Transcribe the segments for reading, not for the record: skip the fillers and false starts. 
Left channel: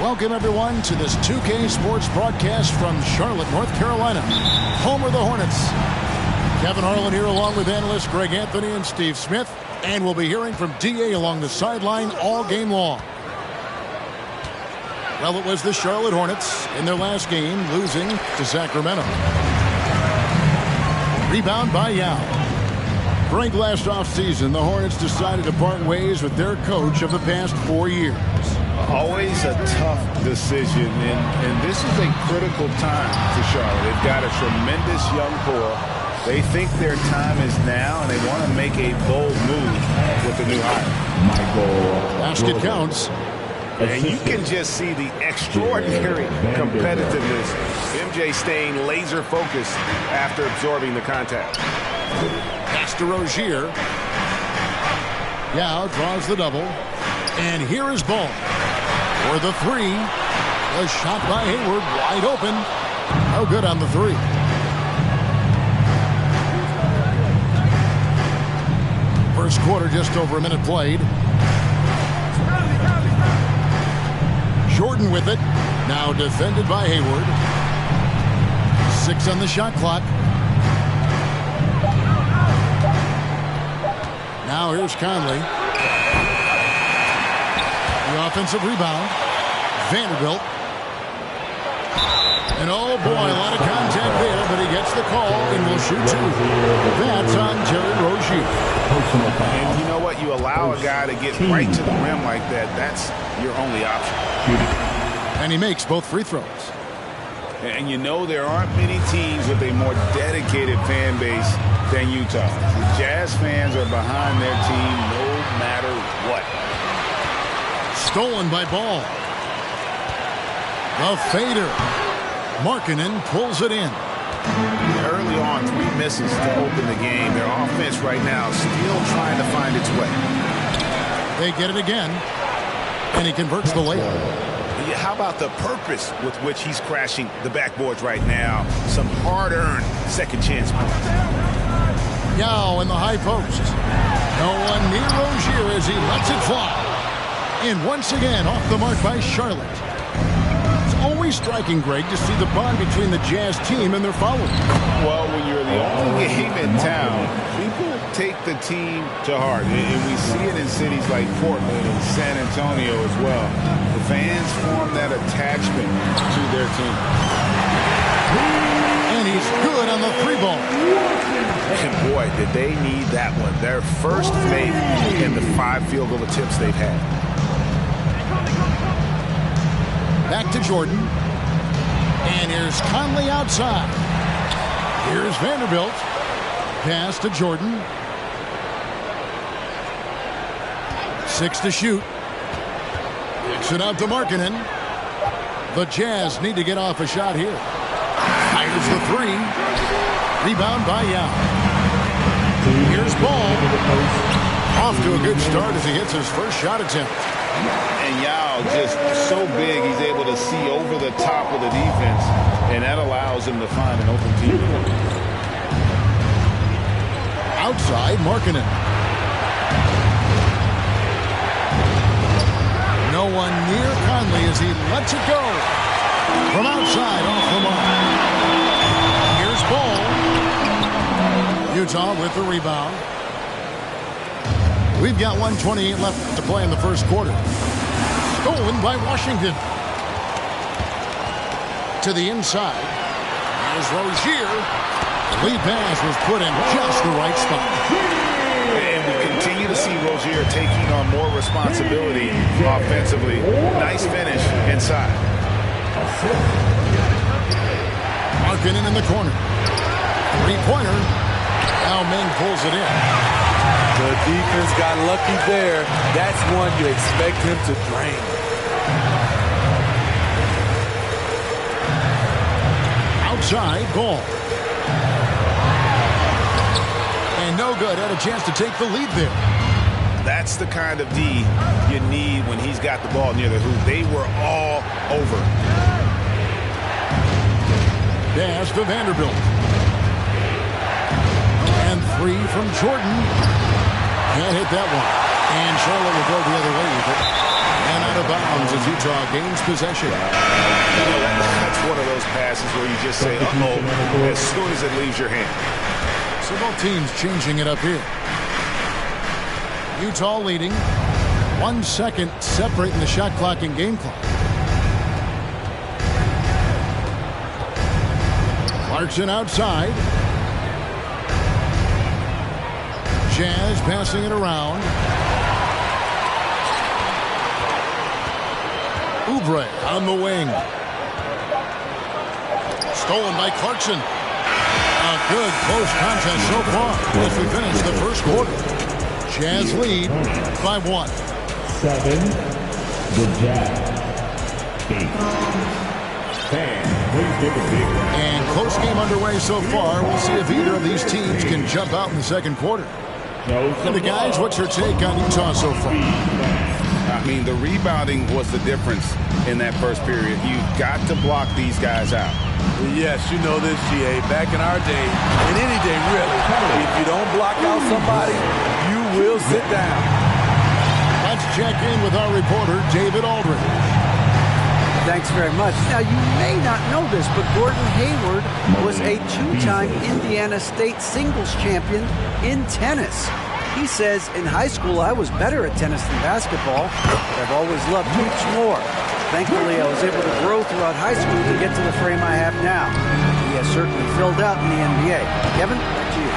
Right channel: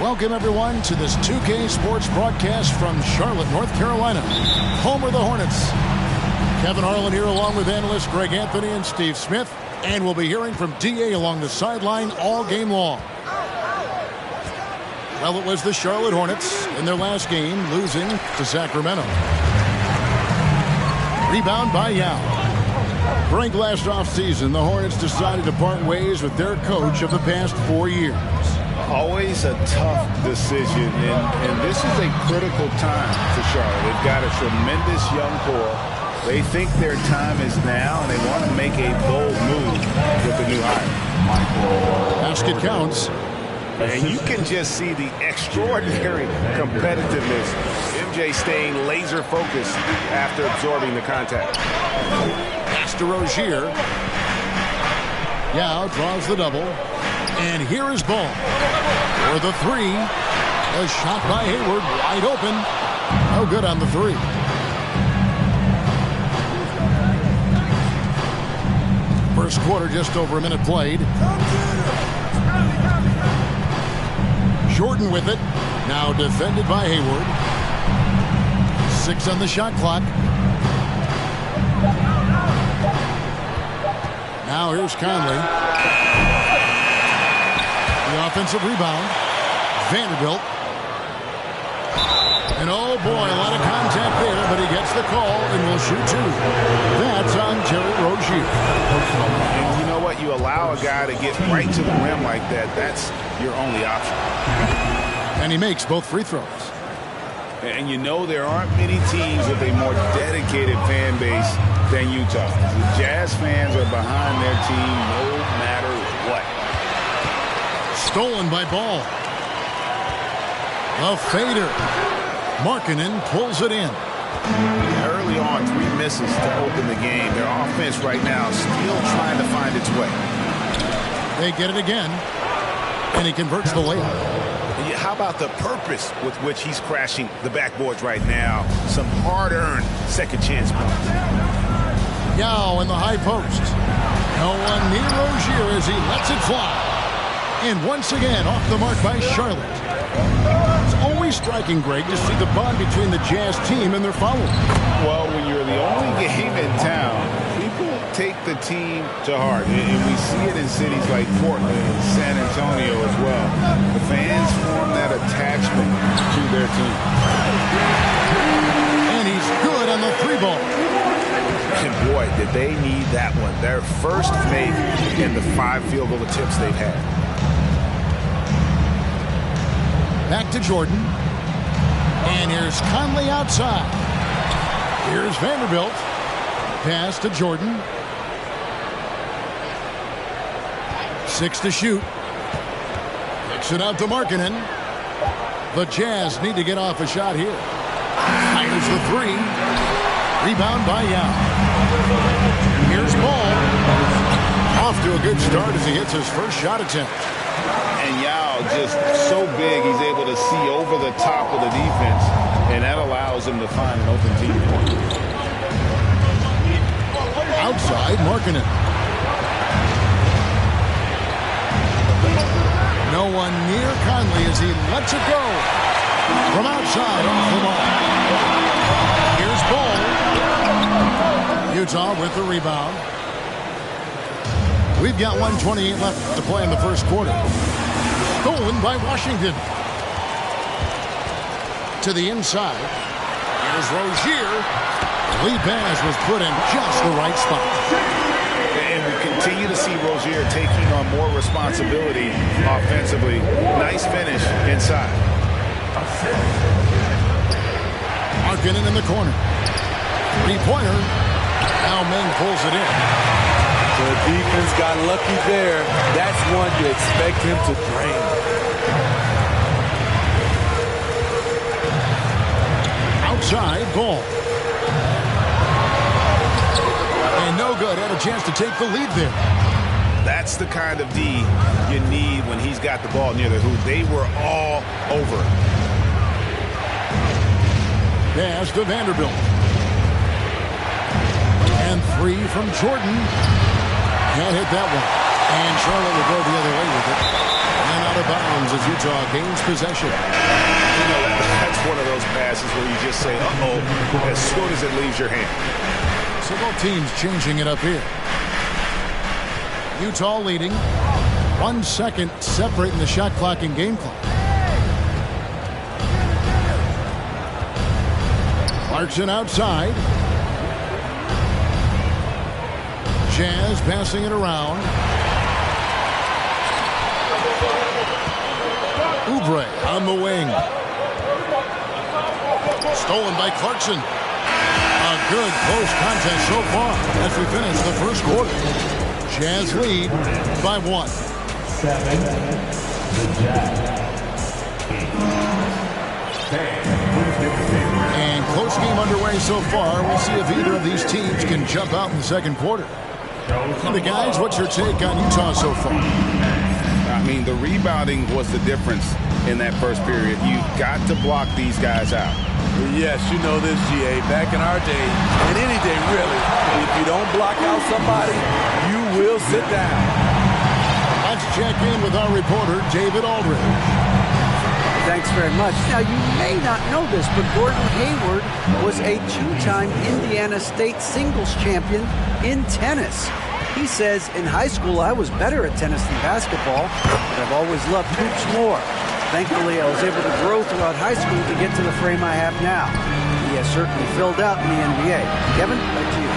Welcome, everyone, to this 2K Sports broadcast from Charlotte, North Carolina, home of the Hornets. Kevin Harlan here along with analysts Greg Anthony and Steve Smith, and we'll be hearing from DA along the sideline all game long. Well, it was the Charlotte Hornets in their last game, losing to Sacramento. Rebound by Yao. Greg, last offseason, the Hornets decided to part ways with their coach of the past 4 years. Always a tough decision, and this is a critical time for Charlotte. They've got a tremendous young core. They think their time is now, and they want to make a bold move with the new hire. Basket counts. And you can just see the extraordinary competitiveness. MJ staying laser focused after absorbing the contact. Pass to Rozier. Yao draws the double. And here is Ball for the three. A shot by Hayward, wide open. No good on the three. First quarter, just over a minute played. Jordan with it. Now defended by Hayward. 6 on the shot clock. Now here's Conley. The offensive rebound. Vanderbilt. And oh boy, a lot of contact there, but he gets the call and will shoot 2. That's on Terry Rozier. And you know what? You allow a guy to get right to the rim like that. That's your only option. And he makes both free throws. And you know there aren't many teams with a more dedicated fan base than Utah. The Jazz fans are behind their team no matter what. Stolen by Ball. The fader. Markkanen pulls it in. Early on, 3 misses to open the game. Their offense right now still trying to find its way. They get it again, and he converts the layup. How about the purpose with which he's crashing the backboards right now? Some hard-earned second chance points. Yao in the high post. No one near Rozier as he lets it fly. And once again, off the mark by Charlotte. It's always striking, Greg, to see the bond between the Jazz team and their followers. Well, when you're the only game in town, people take the team to heart. And we see it in cities like Portland and San Antonio as well. The fans form that attachment to their team. And he's good on the 3-ball. And boy, did they need that one. Their first make in the 5 field goal attempts they've had. Back to Jordan. And here's Conley outside. Here's Vanderbilt. Pass to Jordan. 6 to shoot. Kicks it out to Markkanen. The Jazz need to get off a shot here. Fires the 3. Rebound by Yao. Here's Ball. Off to a good start as he hits his first shot attempt. And Yao just so big, he's able to see over the top of the defense, and that allows him to find an open teammate. Outside, Markkanen. No one near Conley as he lets it go. From outside, off the mark. Here's Ball. Utah with the rebound. We've got 1:28 left to play in the first quarter. Stolen by Washington. To the inside. Here's Rozier. The lead pass was put in just the right spot. And we continue to see Rozier taking on more responsibility offensively. Nice finish inside. Markkanen in the corner. 3-pointer. Now Meng pulls it in. The defense got lucky there. That's one you expect him to drain. outside, Gall. And no good. Had a chance to take the lead there. That's the kind of D you need when he's got the ball near the hoop. They were all over him. Pass to Vanderbilt. And 3 from Jordan. Can't hit that one. And Charlotte will go the other way with it. And out of bounds as Utah gains possession. You know, that's one of those passes where you just say, uh-oh, as soon as it leaves your hand. So both teams changing it up here. Utah leading. 1 second separating the shot clock and game clock. Clarkson outside. Jazz passing it around. Oubre on the wing. Stolen by Clarkson. A good close contest so far as we finish the first quarter. Jazz lead by 1. 7. The Jazz. 8. 10. And close game underway so far. We'll see if either of these teams can jump out in the second quarter. And the guys, what's your take on Utah so far? I mean, the rebounding was the difference in that first period. You've got to block these guys out. Yes, you know this, GA. Back in our day, and any day really, if you don't block out somebody, you will sit down. Let's check in with our reporter, David Aldridge. Thanks very much. Now, you may not know this, but Gordon Hayward was a 2-time Indiana State singles champion in tennis. He says, in high school, I was better at tennis than basketball, but I've always loved hoops more. Thankfully, I was able to grow throughout high school to get to the frame I have now. He has certainly filled out in the NBA. Kevin, back to you.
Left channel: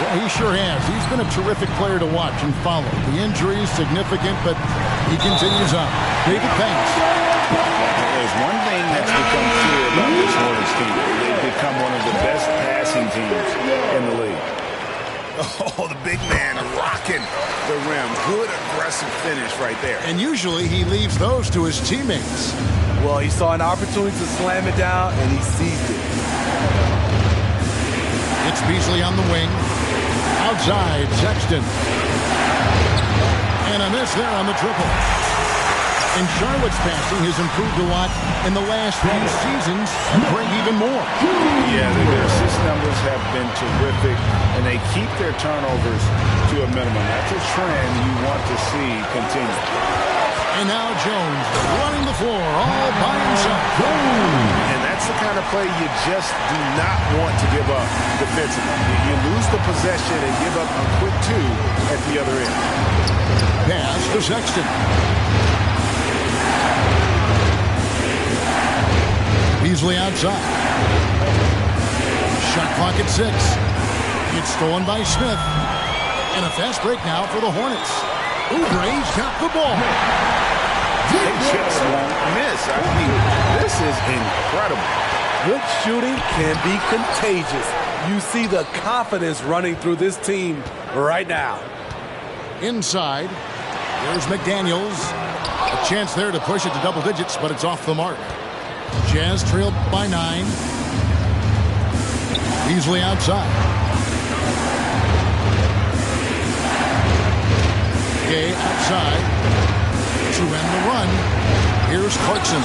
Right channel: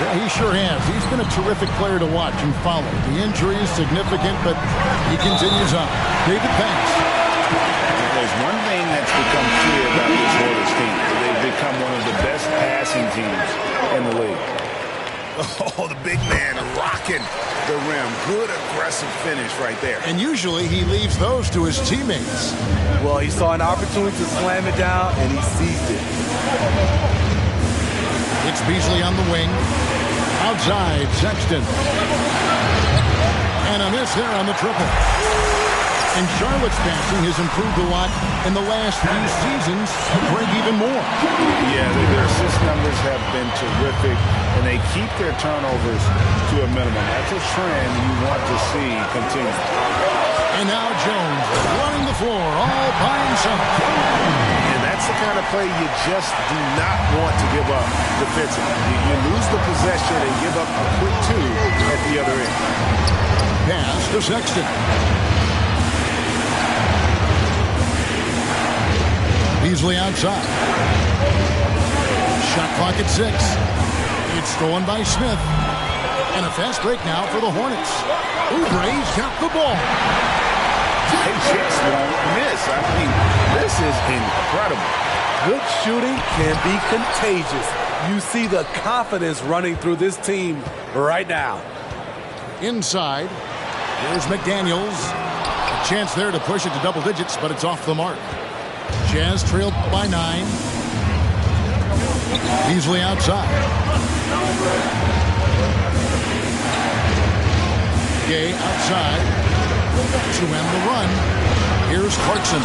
Yeah, he sure has. He's been a terrific player to watch and follow. The injury is significant, but he continues on. David, thanks. There's one thing that's become clear about this Hornets team. They've become one of the best passing teams in the league. Oh, the big man rocking the rim. Good aggressive finish right there. And usually he leaves those to his teammates. Well, he saw an opportunity to slam it down, and he seized it. It's Beasley on the wing. Outside, Sexton. And a miss there on the triple. And Charlotte's passing has improved a lot in the last few seasons. Greg, even more. Yeah, their assist numbers have been terrific, and they keep their turnovers to a minimum. That's a trend you want to see continue. And now Jones running the floor all by himself. And that's the kind of play you just do not want to give up defensively. You lose the possession and give up a quick 2 at the other end. Pass to Sexton. Beasley outside. Shot clock at 6. It's stolen by Smith. And a fast break now for the Hornets. Oubre's got the ball. They just won't miss. I mean, this is incredible. Good shooting can be contagious. You see the confidence running through this team right now. Inside. Here's McDaniels. A chance there to push it to double digits, but it's off the mark. Jazz trailed by 9. Beasley outside. Gay outside to end the run. Here's Clarkson.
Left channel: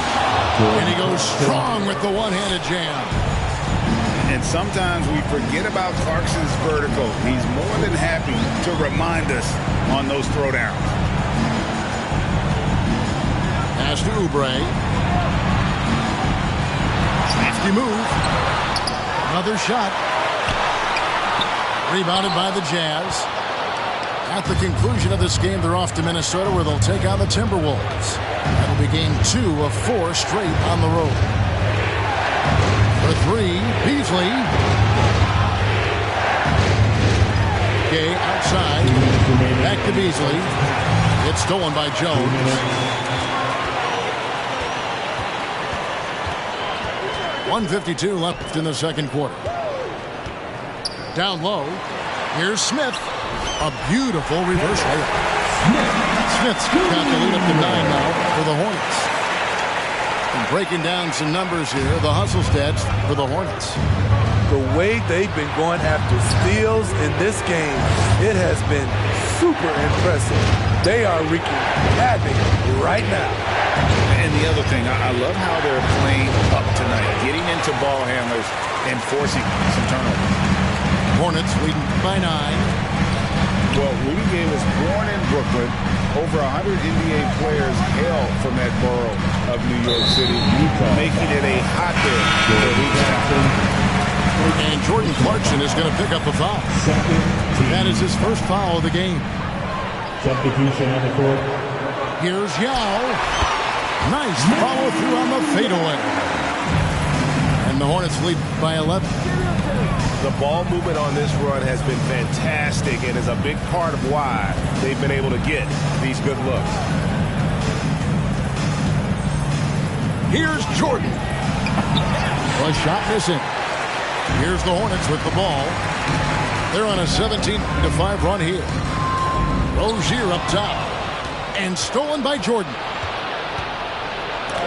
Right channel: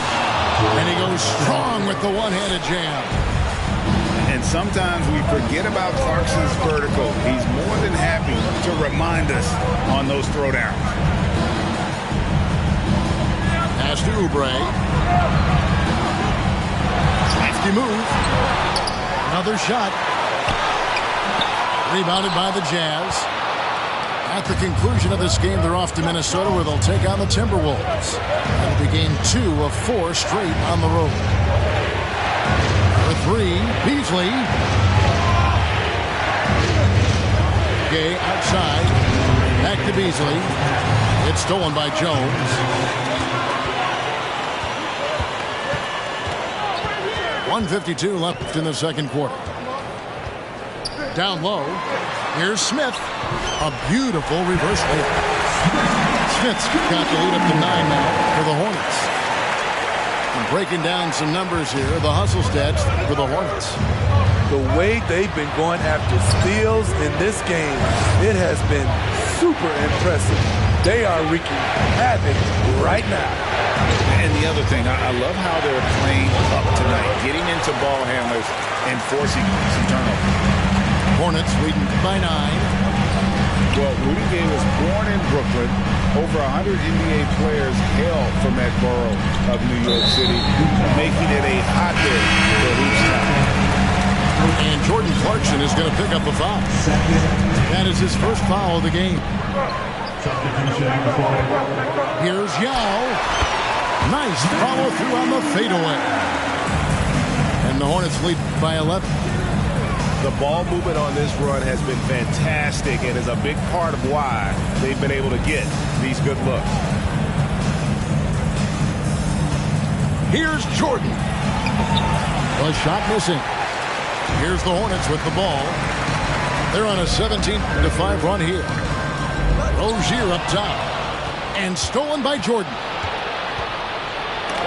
And he goes strong with the one-handed jam. And sometimes we forget about Clarkson's vertical. He's more than happy to remind us on those throwdowns. Pass to Oubre. Crafty move. Another shot. Rebounded by the Jazz. At the conclusion of this game, they're off to Minnesota where they'll take on the Timberwolves. That'll be game 2 of 4 straight on the road. For 3, Beasley. Gay outside. Back to Beasley. It's stolen by Jones. 1:52 left in the second quarter. Down low. Here's Smith. A beautiful reverse layup. Smith's got the lead up to 9 now for the Hornets. Breaking down some numbers here, the hustle stats for the Hornets. The way they've been going after steals in this game, it has been super impressive. They are wreaking havoc right now. And the other thing, I love how they're playing up tonight, getting into ball handlers and forcing some turnovers. Hornets leading by 9. Well, Rudy Gay was born in Brooklyn. Over 100 NBA players hail from that borough of New York City, making it a hotbed for hoops town. And Jordan Clarkson is going to pick up a foul. That is his first foul of the game. Substitution number 4. Here's Yao. Nice follow through on the fadeaway. And the Hornets lead by 11. The ball movement on this run has been fantastic and is a big part of why they've been able to get these good looks. Here's Jordan. A shot missing. Here's the Hornets with the ball. They're on a 17-5 run here. Rozier up top. And stolen by Jordan.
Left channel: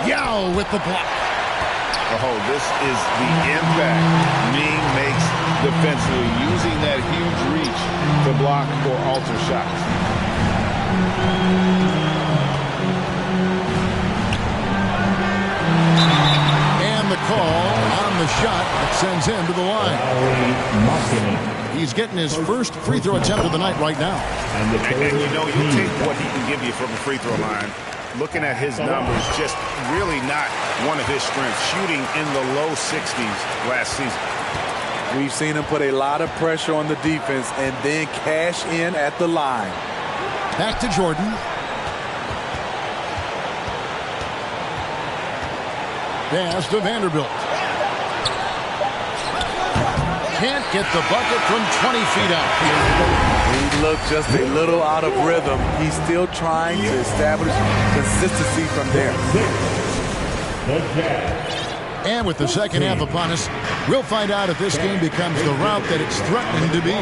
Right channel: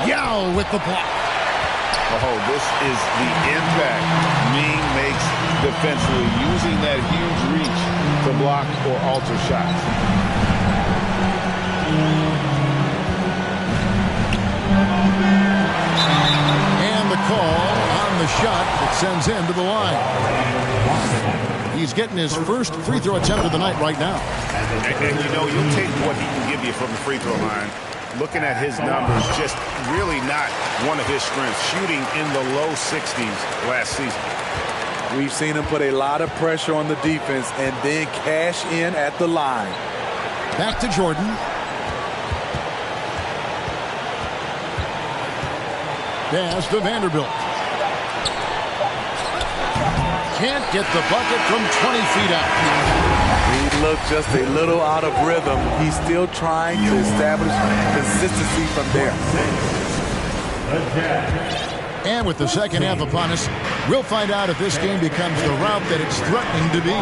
Yao with the block. Oh, this is the impact Ming makes defensively, using that huge reach to block or alter shots. And the call on the shot that sends him to the line. He's getting his first free throw attempt of the night right now. And you know, you'll take what he can give you from the free throw line. Looking at his numbers, just really not one of his strengths, shooting in the low 60s last season. We've seen him put a lot of pressure on the defense and then cash in at the line. Back to Jordan. Pass to Vanderbilt. Can't get the bucket from 20 feet out. He looked just a little out of rhythm. He's still trying to establish consistency from there. And with the second half upon us, we'll find out if this game becomes the route that it's threatening to be.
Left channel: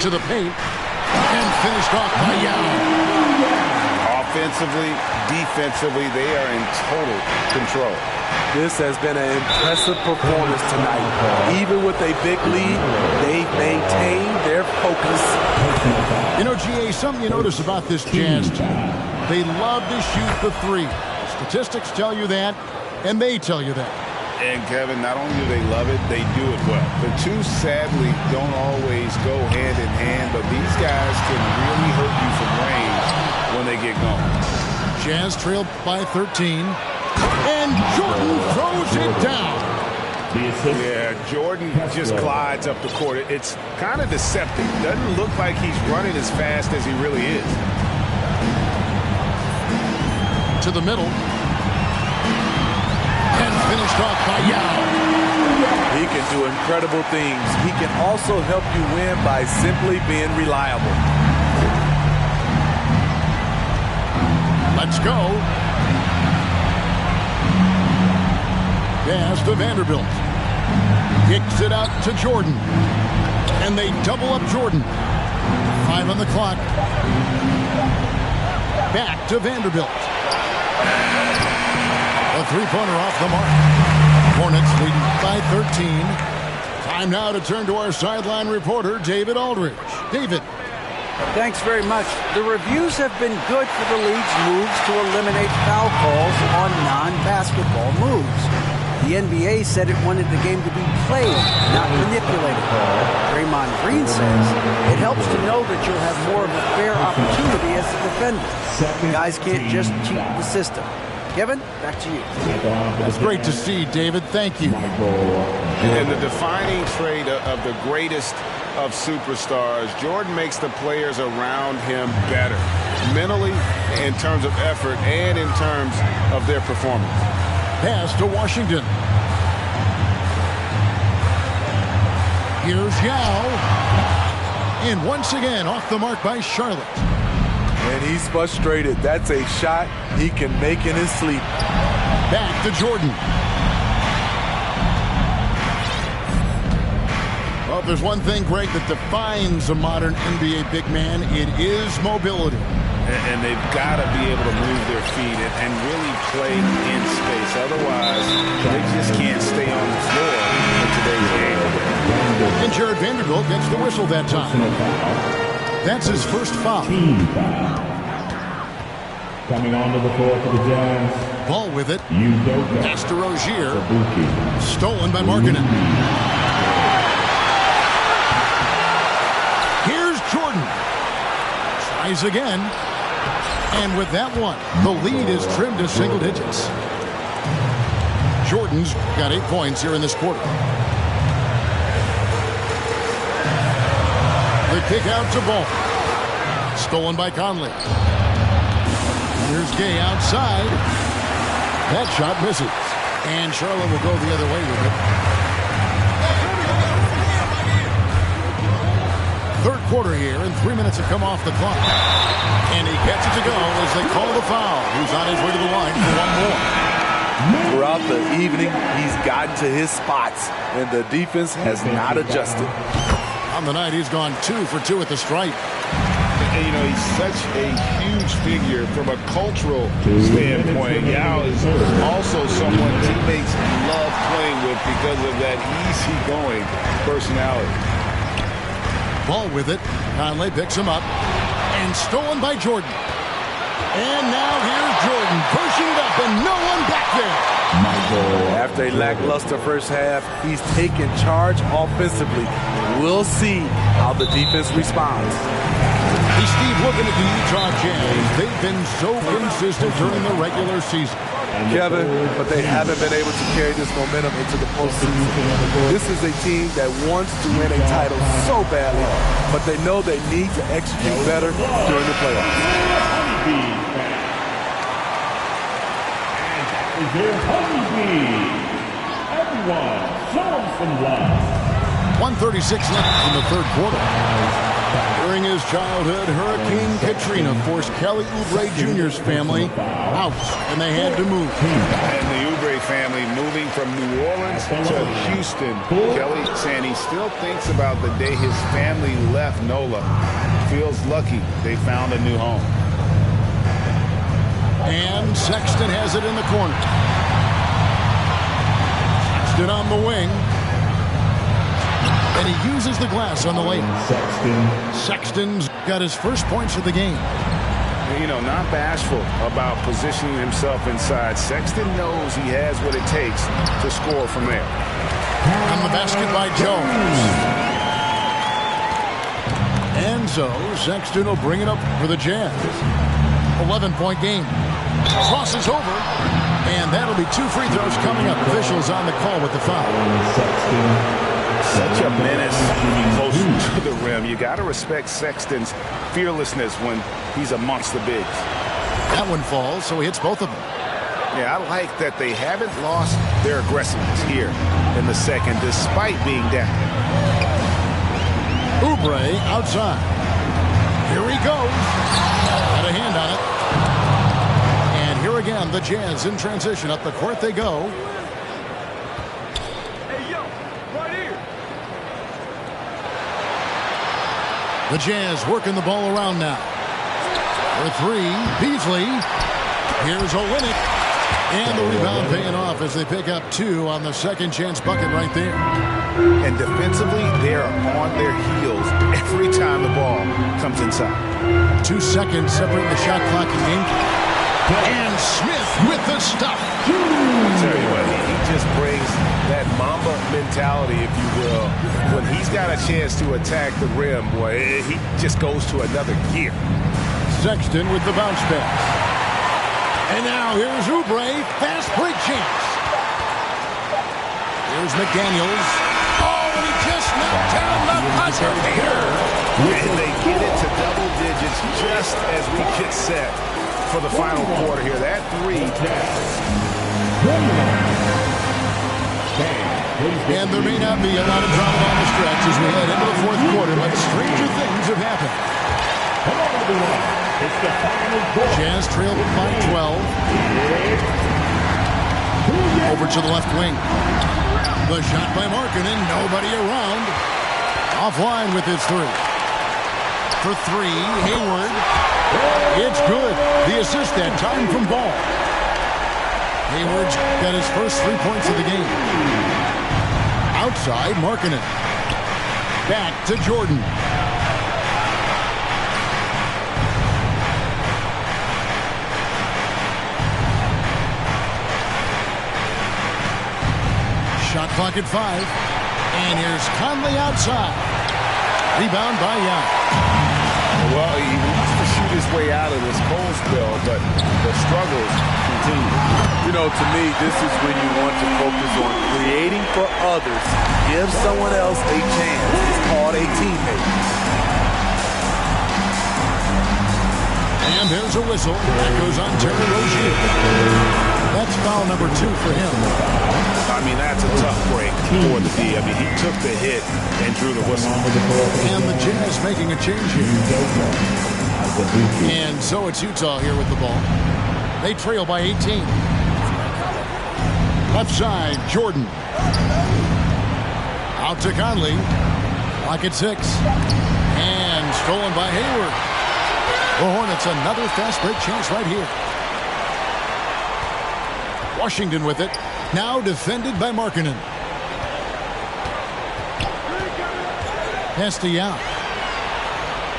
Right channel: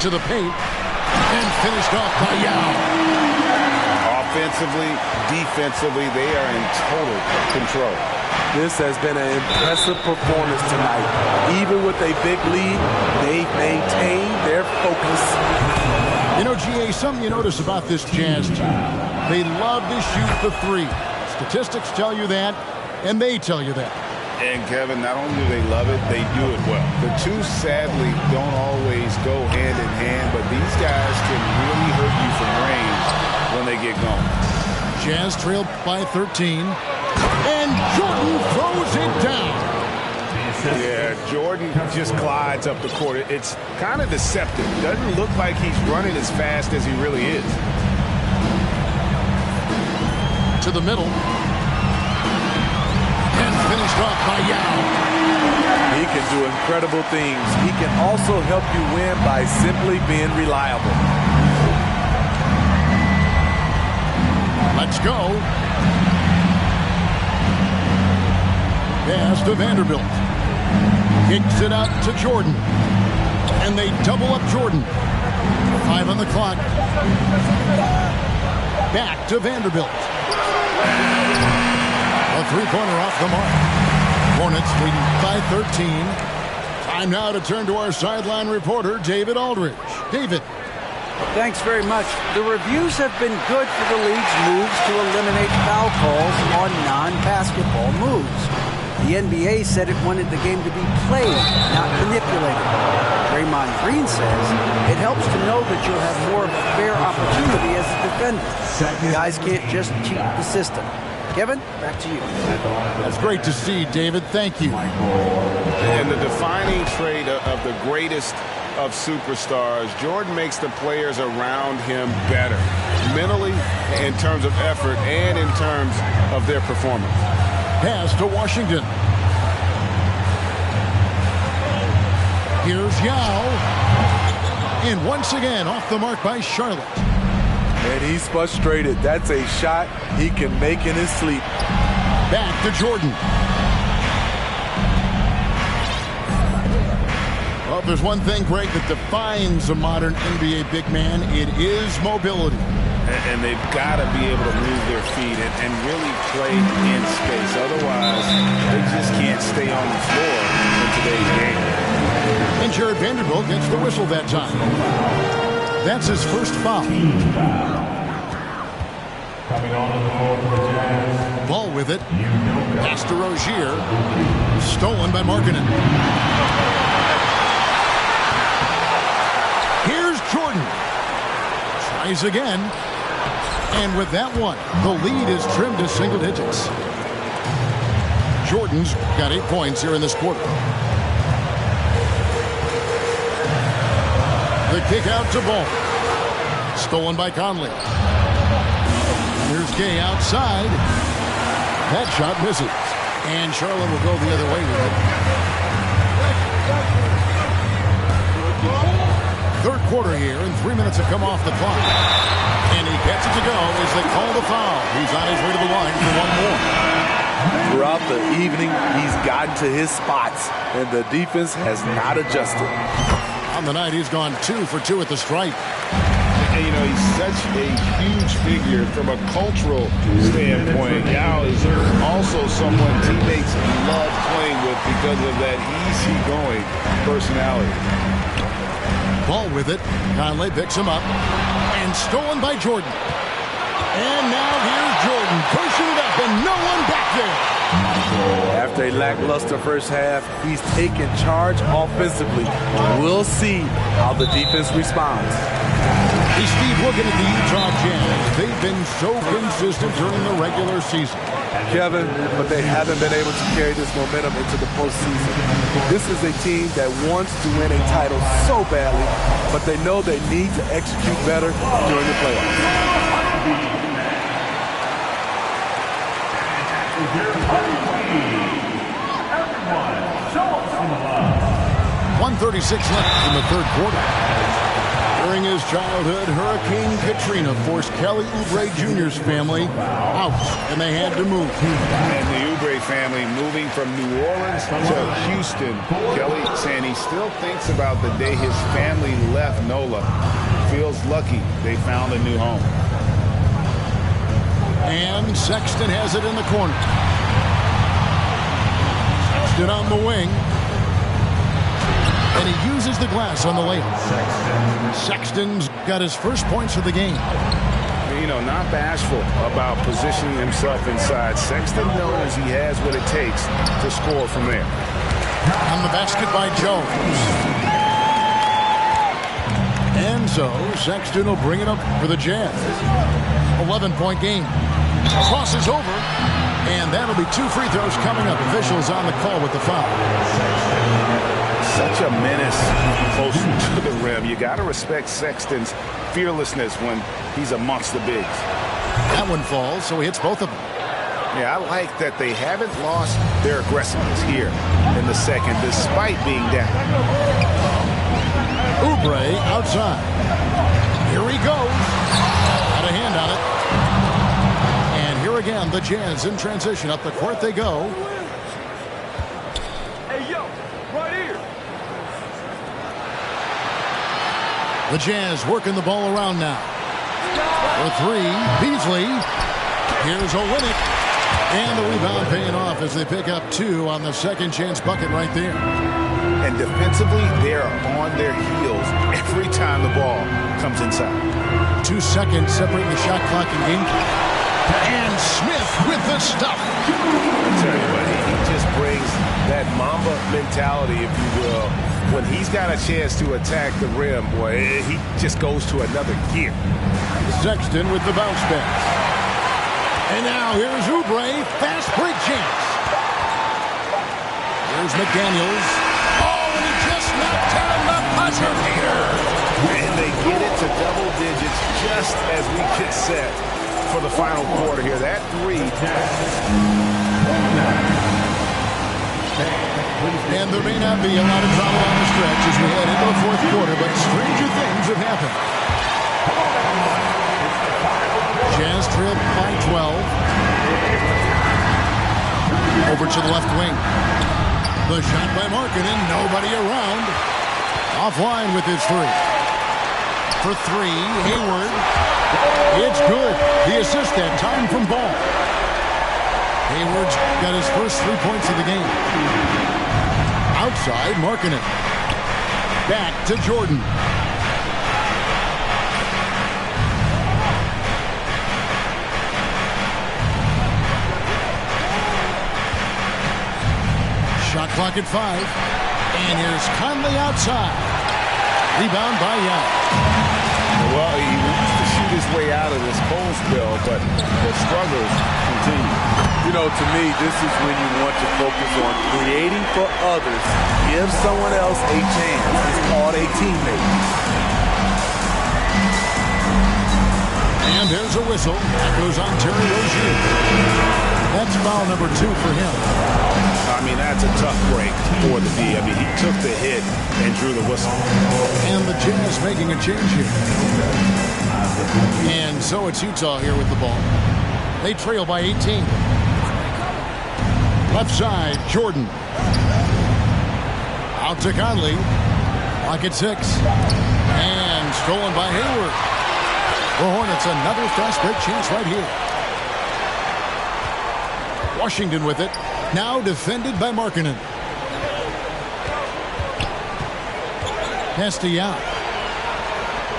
To the paint. And finished off by Yao. Offensively, defensively, they are in total control. This has been an impressive performance tonight. Even with a big lead, they've maintained their focus. You know, GA, something you notice about this Jazz team, they love to shoot the three. Statistics tell you that, and they tell you that. And, Kevin, not only do they love it, they do it well. The two, sadly, don't always go hand in hand, but these guys can really hurt you from range when they get going. Jazz trailed by 13. And Jordan throws it down. Yeah, Jordan just glides up the court. It's kind of deceptive. Doesn't look like he's running as fast as he really is. To the middle. And finished off by Yao. He can do incredible things. He can also help you win by simply being reliable. Let's go. Pass to Vanderbilt. Kicks it out to Jordan. And they double up Jordan. 5 on the clock. Back to Vanderbilt. A three-pointer off the mark. Hornets leading by 13. Time now to turn to our sideline reporter, David Aldridge. David. Thanks very much. The reviews have been good for the league's moves to eliminate foul calls on non-basketball moves. The NBA said it wanted the game to be played, not manipulated. Draymond Green says it helps to know that you'll have more of a fair opportunity as a defender. Guys can't just cheat the system. Kevin, back to you. That's great to see, David. Thank you. And the defining trait of the greatest of superstars, Jordan makes the players around him better, mentally, in terms of effort, and in terms of their performance. Pass to Washington. Here's Yao. And once again, off the mark by Charlotte. And he's frustrated. That's a shot he can make in his sleep. Back to Jordan. Well, if there's one thing, Greg, that defines a modern NBA big man, it is mobility. And they've got to be able to move their feet and really play in space. Otherwise, they just can't stay on the floor in today's game. And Jared Vanderbilt gets the whistle that time. That's his first foul. Coming onto the floor for the Jazz. Ball with it. Pass to Rozier. Stolen by Markkanen. Here's Jordan. Tries again. And with that one, the lead is trimmed to single digits. Jordan's got 8 points here in this quarter. The kick out to Ball. Stolen by Conley. Here's Gay outside. That shot misses. And Charlotte will go the other way with it. Third quarter here, and 3 minutes have come off the clock. And he gets it to go as they call the foul. He's on his way to the line for one more. Throughout the evening, he's gotten to his spots, and the defense has not adjusted. On the night, he's gone 2 for 2 at the stripe. And, you know, he's such a huge figure from a cultural standpoint. Yao is also someone teammates love playing with because of that easygoing personality. Ball with it. Conley picks him up. And stolen by Jordan. And now here's Jordan pushing it up and no one back there. After a lackluster first half, he's taken charge offensively. We'll see how the defense responds. Hey, Steve, looking at the Utah Jazz, they've been so consistent during the regular season. Kevin, but they haven't been able to carry this momentum into the postseason. This is a team that wants to win a title so badly, but they know they need to execute better during the playoffs. Everyone, show them some love. 1:36 left in the third quarter. During his childhood, Hurricane Katrina forced Kelly Oubre Jr.'s family out, and they had to move. And the Oubre family moving from New Orleans to Houston. Kelly saying he still thinks about the day his family left NOLA. Feels lucky they found a new home. And Sexton has it in the corner. Sexton on the wing. And he uses the glass on the layup. Sexton's got his first points of the game. You know, not bashful about positioning himself inside. Sexton knows he has what it takes to score from there. On the basket by Jones. And so Sexton will bring it up for the Jazz. 11-point game. Crosses over. And that'll be 2 free throws coming up. Officials on the call with the foul. Such a menace close to the rim. You got to respect Sexton's fearlessness when he's amongst the bigs. That one falls, so he hits both of them. Yeah, I like that they haven't lost their aggressiveness here in the second, despite being down. Oubre outside. Here he goes. Had a hand on it. And here again, the Jazz in transition. Up the court they go. Hey, yo, right here. The Jazz working the ball around now. For 3, Beasley. Here's Olynyk. And the rebound paying off as they pick up 2 on the second chance bucket right there. And defensively, they are on their heels every time the ball comes inside. 2 seconds separating the shot clock and game clock. And Smith with the stuff. I'll tell you what, he just brings that Mamba mentality, if you will. When he's got a chance to attack the rim, boy, he just goes to another gear. Sexton with the bounce pass. And now here's Oubre, fast break chance. Here's McDaniels. Oh, and he just knocked down the buzzer beater. And they get it to double digits just as we get set for the final quarter here. That 3. And there may not be a lot of drama down the stretch as we head into the fourth quarter, but stranger things have happened. Jazz trail by 12. Over to the left wing. The shot by Markkanen, nobody around. Offline with his 3. For 3, Hayward. It's good. The assist that time from Ball. Hayward's got his first 3 points of the game. Outside, Markkanen. Back to Jordan. Shot clock at 5. And here's Conley outside. Rebound by Young. Well, he wants to shoot his way out of this cold spell, but the struggles continue. You know, to me, this is when you want to focus on creating for others. Give someone else a chance. It's called a teammate. And there's a whistle. That goes on Terry Rozier. That's foul number 2 for him. I mean, that's a tough break for the D. I mean, he took the hit and drew the whistle. And the Jazz making a change here. And so it's Utah here with the ball. They trail by 18. Left side, Jordan. Out to Conley. Clock at 6. And stolen by Hayward. The Hornets another fast break chance right here. Washington with it. Now defended by Markkanen. Pass to Yao.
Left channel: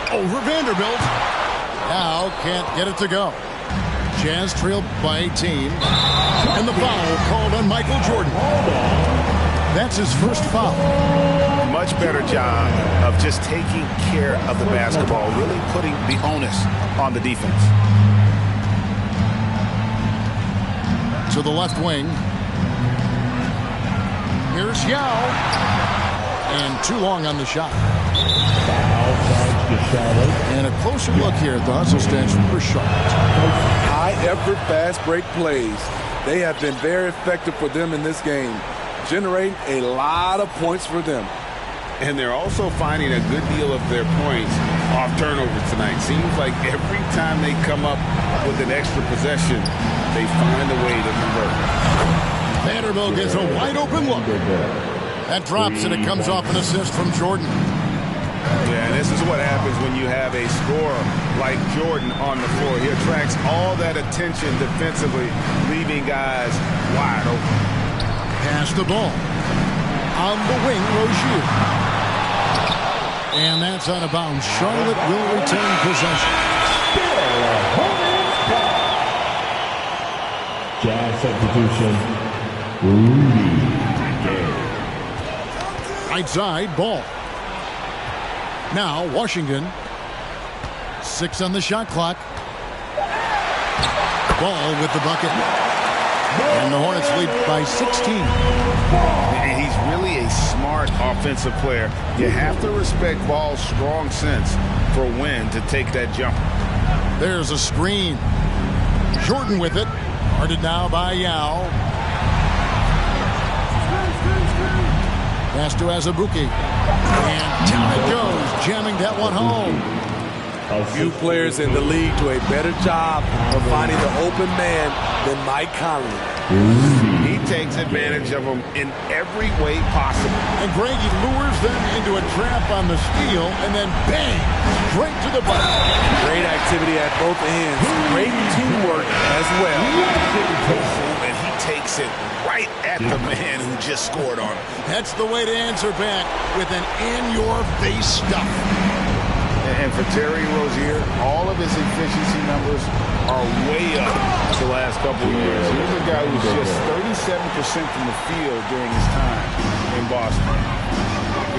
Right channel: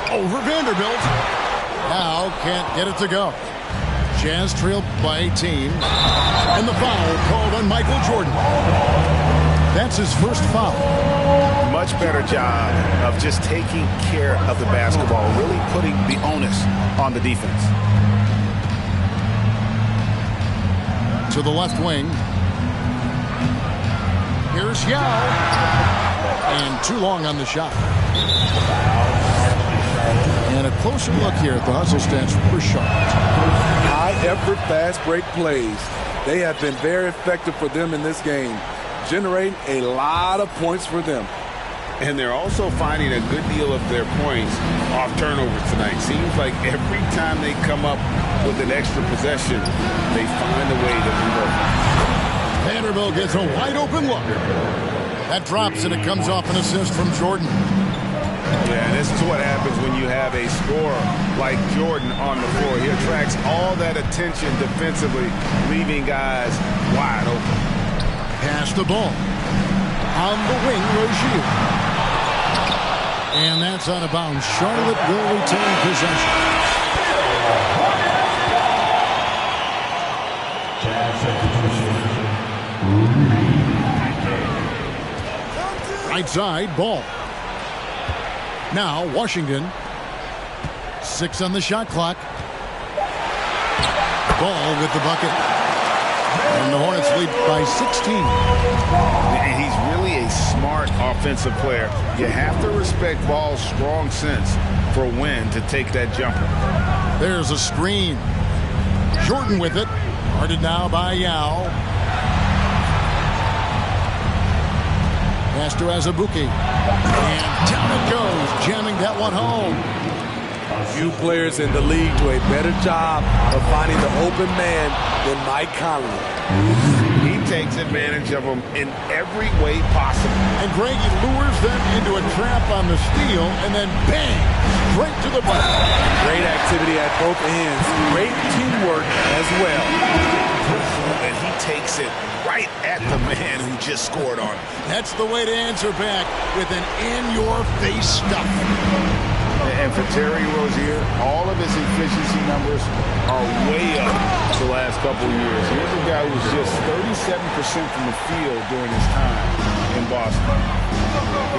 Over Vanderbilt. Now can't get it to go. Jazz trailed by 18. And the foul called on Michael Jordan. That's his first foul. Much better job of just taking care of the basketball, really putting the onus on the defense. To the left wing. Here's Yao. And too long on the shot. And a closer look here at the hustle stats for Charlotte. High-effort, fast-break plays. They have been very effective for them in this game, generating a lot of points for them. And they're also finding a good deal of their points off turnovers tonight. Seems like every time they come up with an extra possession, they find a way to convert. Vanderbilt gets a wide-open look. That drops, and it comes off an assist from Jordan. Yeah, and this is what happens when you have a scorer like Jordan on the floor. He attracts all that attention defensively, leaving guys wide open. Pass the ball. On the wing, Rozier. And that's out of bounds. Charlotte will retain possession. Jazz substitution. Right side, Ball. Now, Washington. 6 on the shot clock. Ball with the bucket. And the Hornets lead by 16. And he's really a smart offensive player. You have to respect Ball's strong sense for when to take that jumper. There's a screen. Jordan with it. Guarded now by Yao. Pass to Azubuike. And down it goes, jamming that one home. Few players in the league do a better job of finding the open man than Mike Conley. He takes advantage of them in every way possible. And Greg, he lures them into a trap on the steal, and then bang, straight to the bucket. Great activity at both ends. Great teamwork as well. And he takes it right at the man who just scored on him. That's the way to answer back, with an in-your-face stuff. And for Terry Rozier, all of his efficiency numbers are way up the last couple of years. Here's a guy who's just 37% from the field during his time in Boston.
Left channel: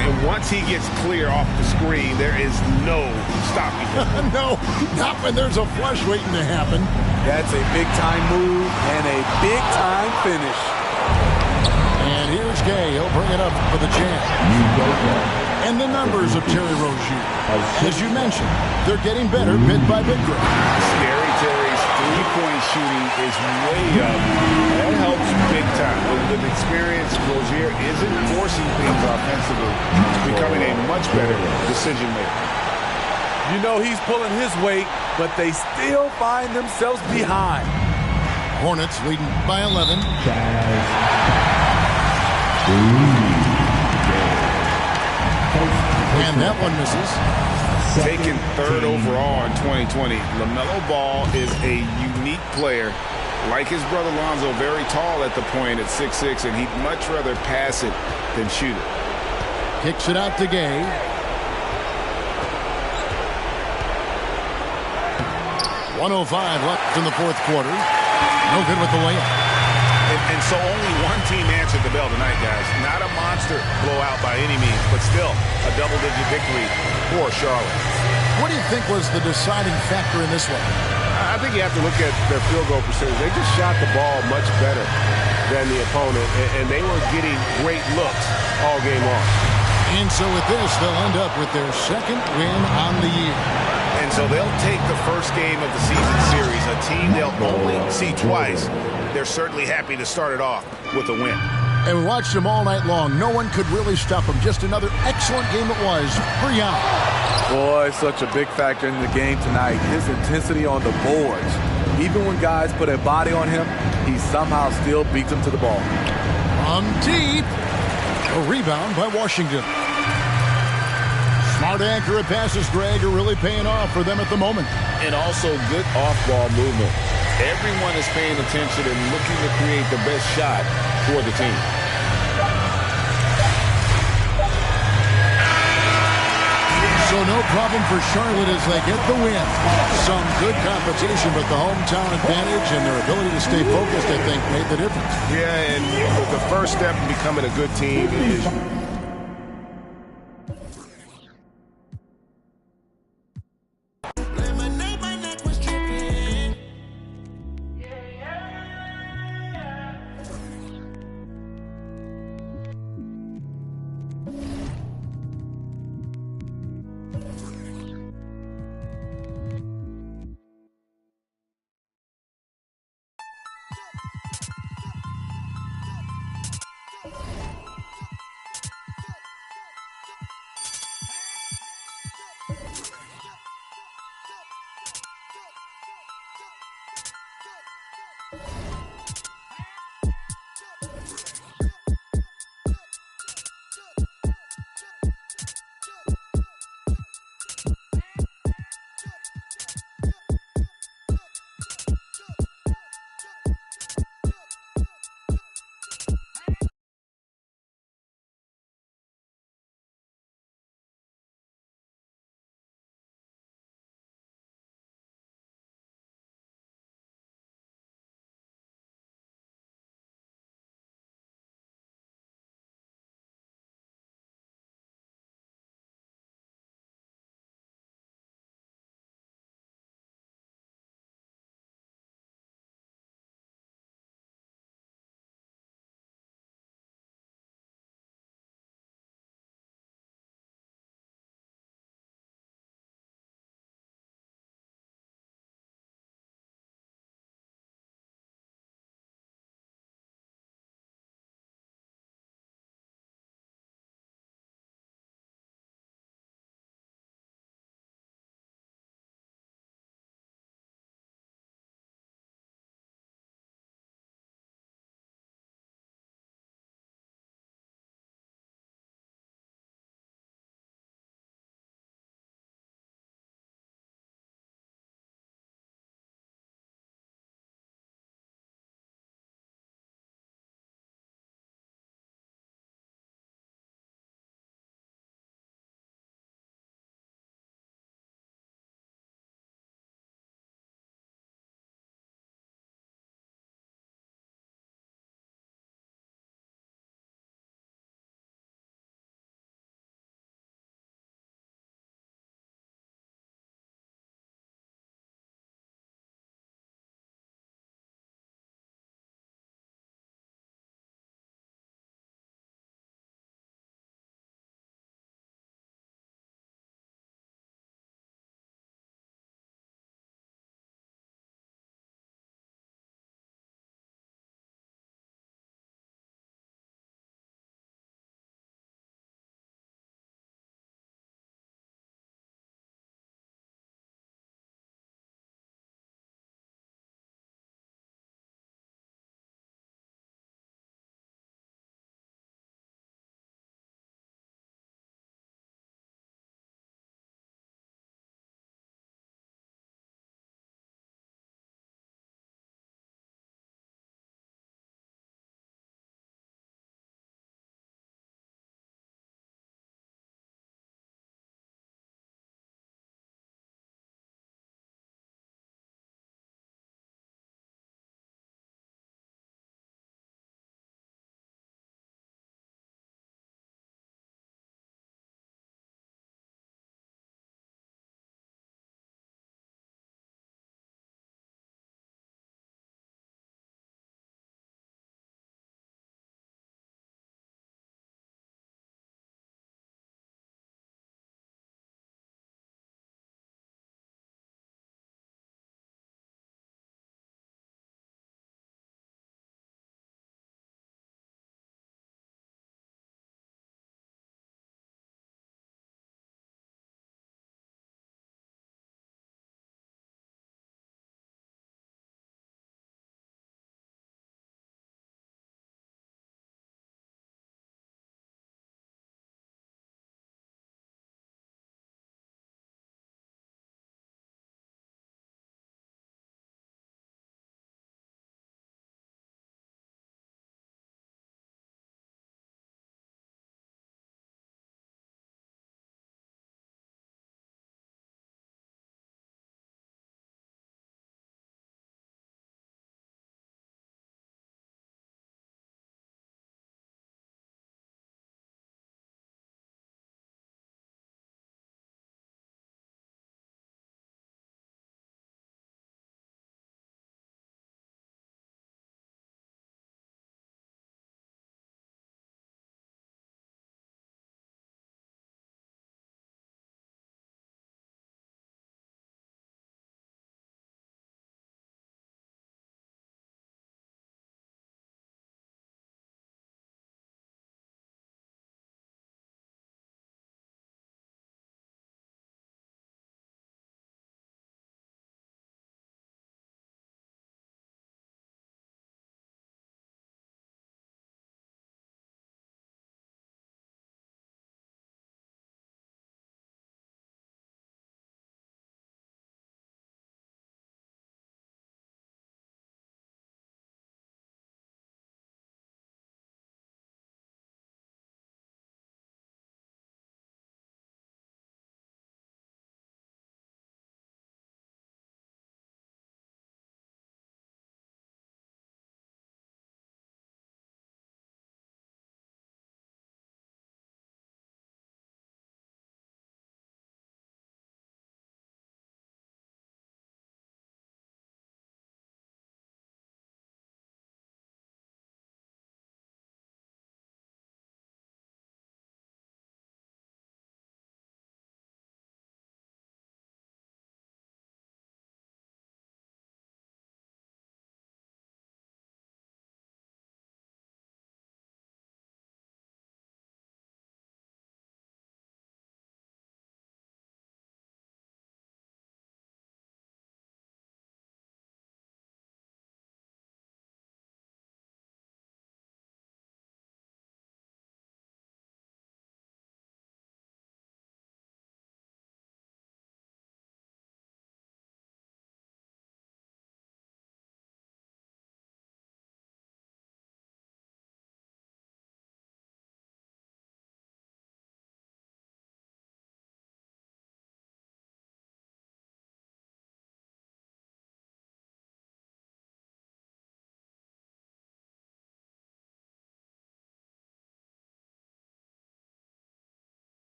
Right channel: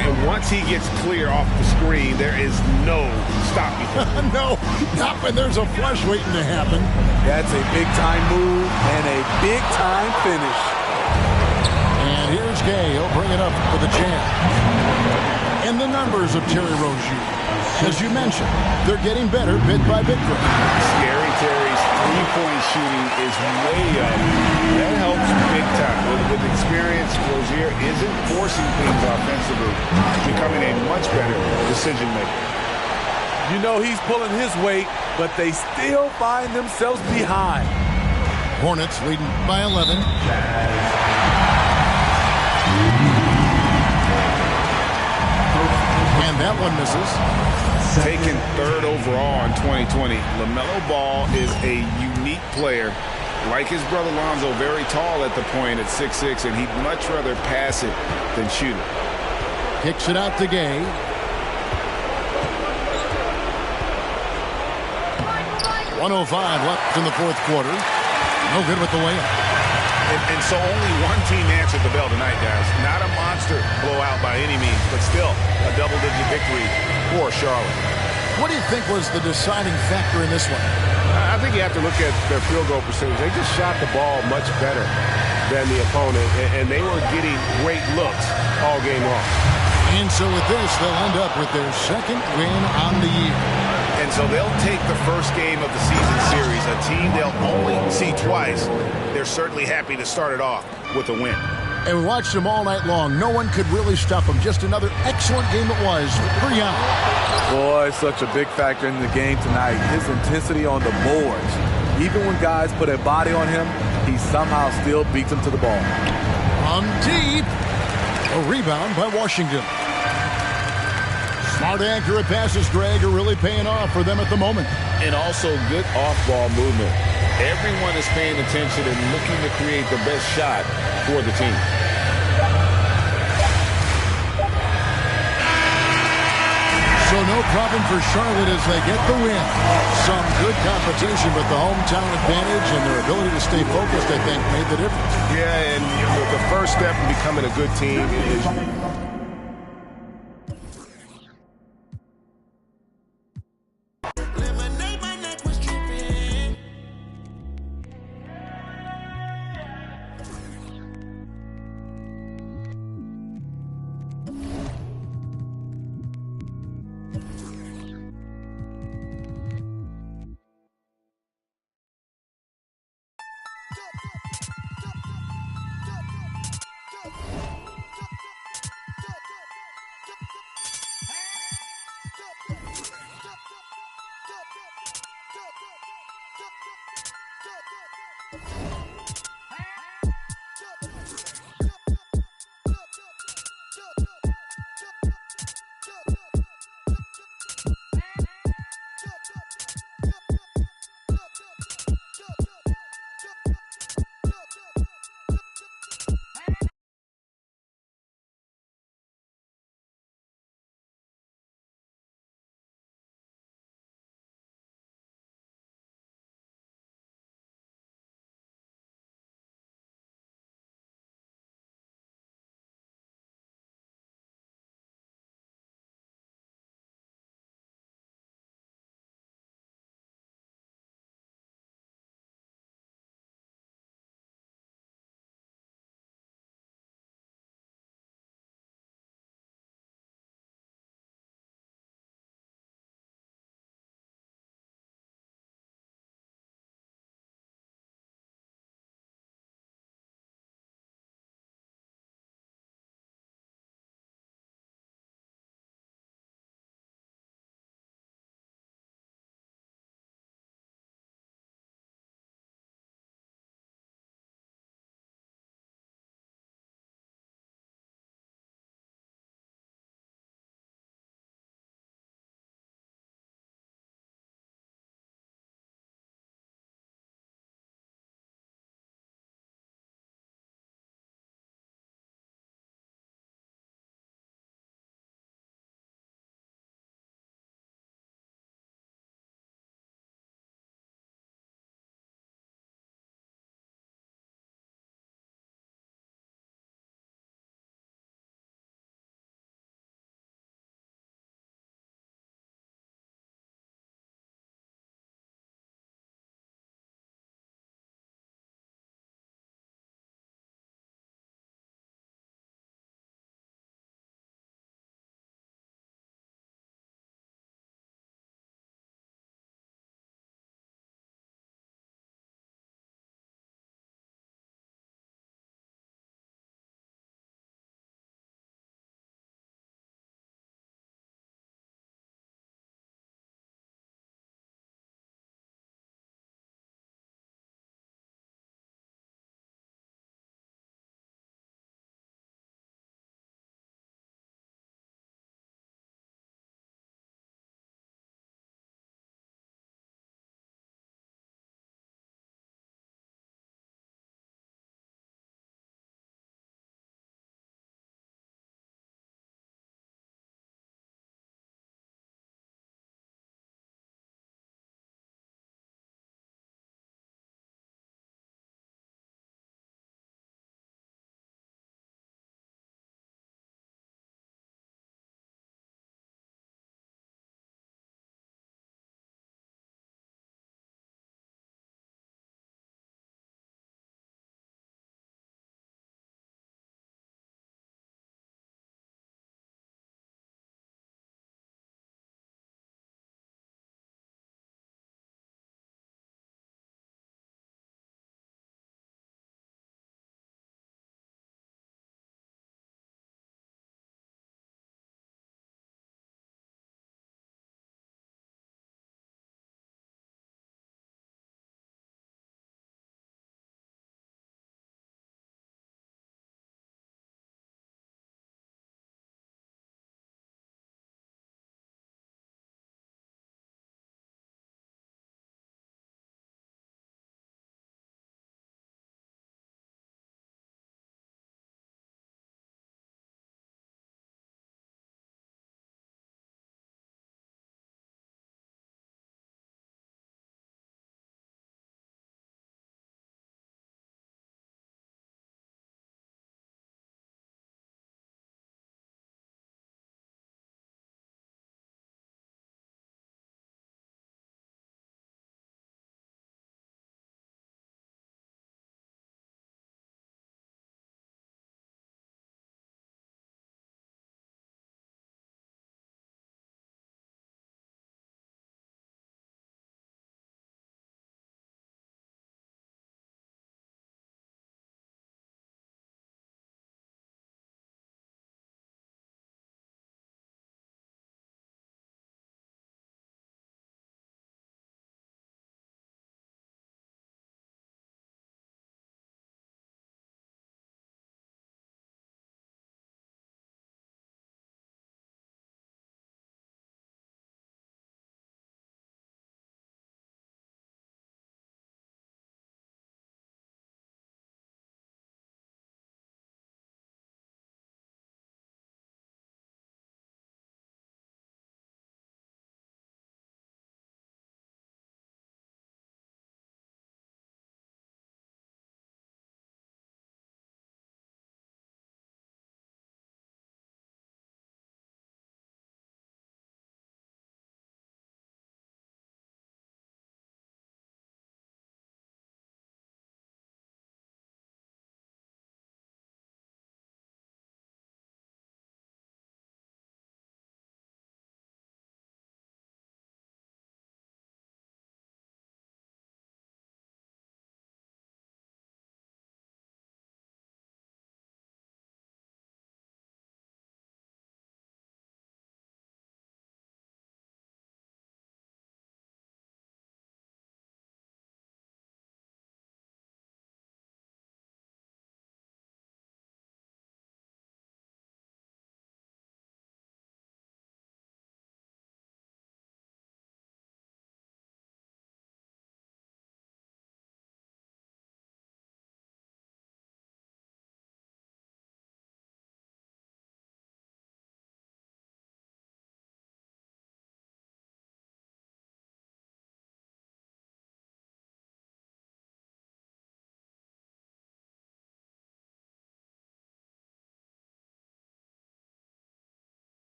And once he gets clear off the screen, there is no stopping him. No, not when there's a flush waiting to happen. That's a big-time move and a big-time finish. And here's Gay. He'll bring it up for the Jazz. And the numbers of Terry Rozier. As you mentioned, they're getting better bit by bit, Greg. Scary Terry's three-point shooting is way up. That helps big time. With experience, Rozier isn't forcing things offensively. He's becoming a much better decision maker. You know he's pulling his weight, but they still find themselves behind. Hornets leading by 11. And that one misses. taken third overall in 2020. LaMelo Ball is a unique player. Like his brother Lonzo, very tall at the point at 6'6", and he'd much rather pass it than shoot it. Kicks it out to Gay. .105 left in the fourth quarter. No good with the layup. And so only one team answered the bell tonight, guys. Not a monster blowout by any means, but still a double-digit victory for Charlotte. What do you think was the deciding factor in this one? I think you have to look at their field goal percentage. They just shot the ball much better than the opponent, and they were getting great looks all game long. And so with this, they'll end up with their second win on the year. And so they'll take the first game of the season series, a team they'll only see twice. They're certainly happy to start it off with a win. And we watched them all night long. No one could really stop them. Just another excellent game it was for Young. Boy, such a big factor in the game tonight. His intensity on the boards. Even when guys put a body on him, he somehow still beats them to the ball. From deep. A rebound by Washington. Smart, accurate passes, Greg, are really paying off for them at the moment. And also good off-ball movement. Everyone is paying attention and looking to create the best shot for the team. So no problem for Charlotte as they get the win. Some good competition, but the hometown advantage and their ability to stay focused, I think, made the difference. Yeah, and the first step in becoming a good team is...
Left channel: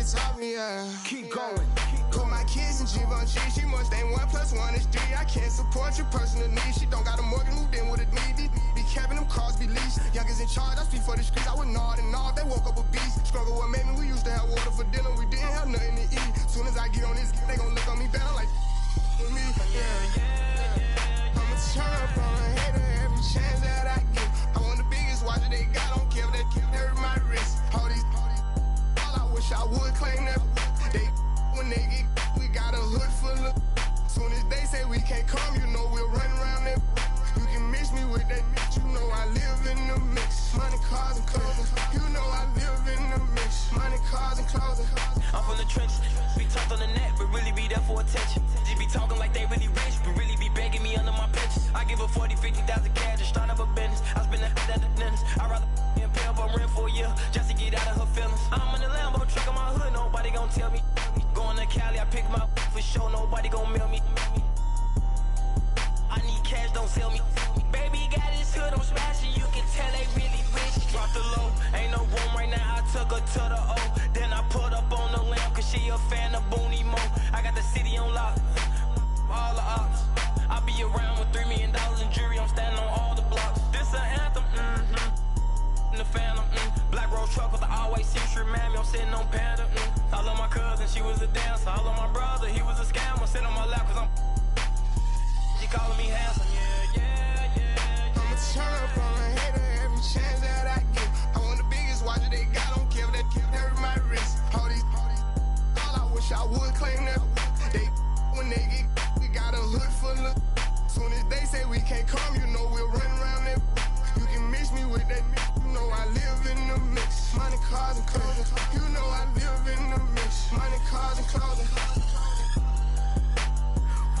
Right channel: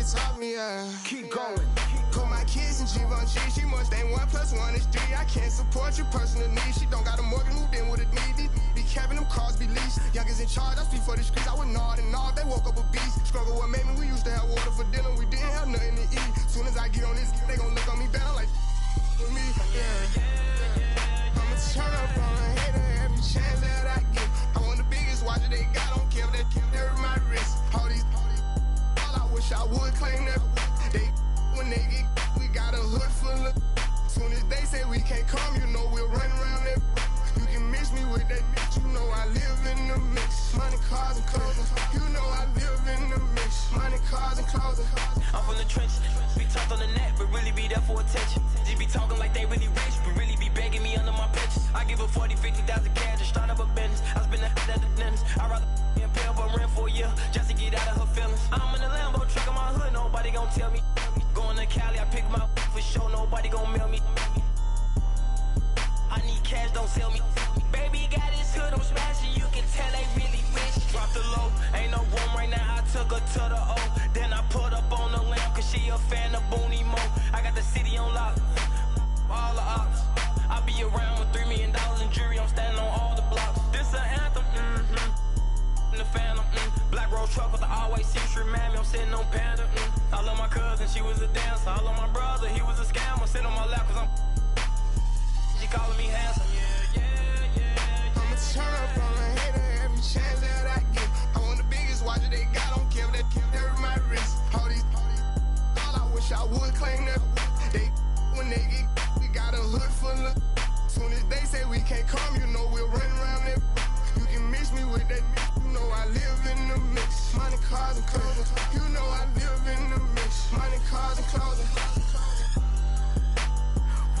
Nobody taught me, keep going. Put my kids in Givenchy, she must ain't 1 + 1 is 3. I can't support your personal needs. She don't got a mortgage, moved in with a need. Be Kevin, them cars be leased. Youngest in charge, I speak for the streets. I would nod and nod, they woke up a beast. Struggle what made me, we used to have water for dinner. We didn't have nothing to eat. Soon as I get on this, they gon' look on me better like with me. I'ma turn up on a hater every chance that I get. I want the biggest watch that they got, don't care if they hurt my wrist. All I wish I would claim that. When they get, we got a hood full of. Soon as they say we can't come, you know we'll run around that. You can mix me with that mix, you know I live in the mix. Money, cars, and clothing, you know I live in the mix. Money, cars, and clothing. I'm from the trenches, be talked on the net, but really be there for attention. Just be talking like they really rich, but really be begging me under my pictures. I give her 40, 50,000 cash to start up a business. I spend that at the dentist. I'd rather pay up on rent for a year just to get out of her feelings. I'm in the Lambo truck on my hood, nobody gon' tell me. Going to Cali, I pick my for sure, nobody gon' mail me. I need cash, don't sell me. Baby got his hood, I'm smashing, you can tell they really rich. Drop the low, ain't no room right now, I took her to the O. Then I put up on the lamp, cause she a fan of Booney Mo. I got the city on lock, all the ops. I be around with $3 million in jewelry, I'm standing on all the blocks. This an anthem, in the Phantom, Black Rose truck with the always see-through mammy, I'm sitting on Panda, I love my cousin, she was a dancer. I love my brother, he was a scammer. Sit on my lap cause she calling me handsome. I'ma turn up on a hater every chance that I get. I want the biggest watch that they got, don't care if they hurt my wrist. All I wish I would claim that. When they get, we got a hood full of. Soon as they say we can't come, you know we'll run around that. You can mix me with that mix, you know I live in the mix. Money, cars, and clothing, you know I live in the mix. Money, cars, and clothing.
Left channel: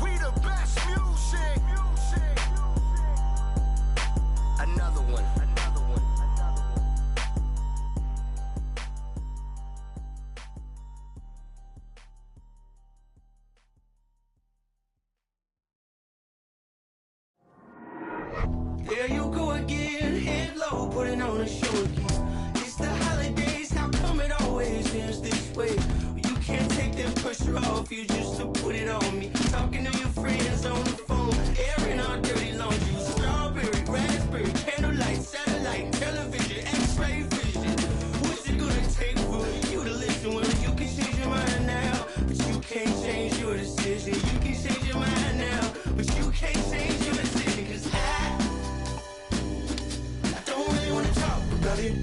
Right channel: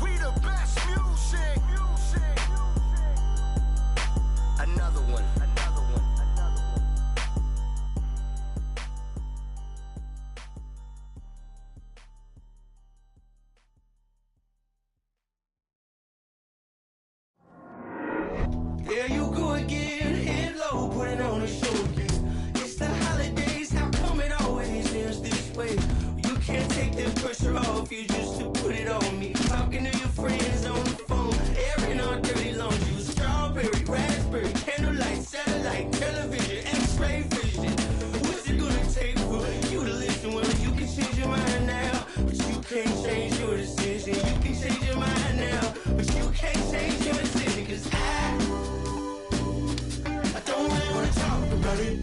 We the best music. Another one. There you go again, head low, putting on a show again. It's the holidays, how come it always ends this way? You can't take that pressure off you just to put it on me. Talking to your friends on the phone, airing our dirty laundry. Strawberry, raspberry, candlelight, satellite, television, x-ray vision. What's it gonna take for you to listen? Well, you can change your mind now, but you can't change your decision. You can change your mind now, but you can't change your decision. Cause I don't really wanna talk about it.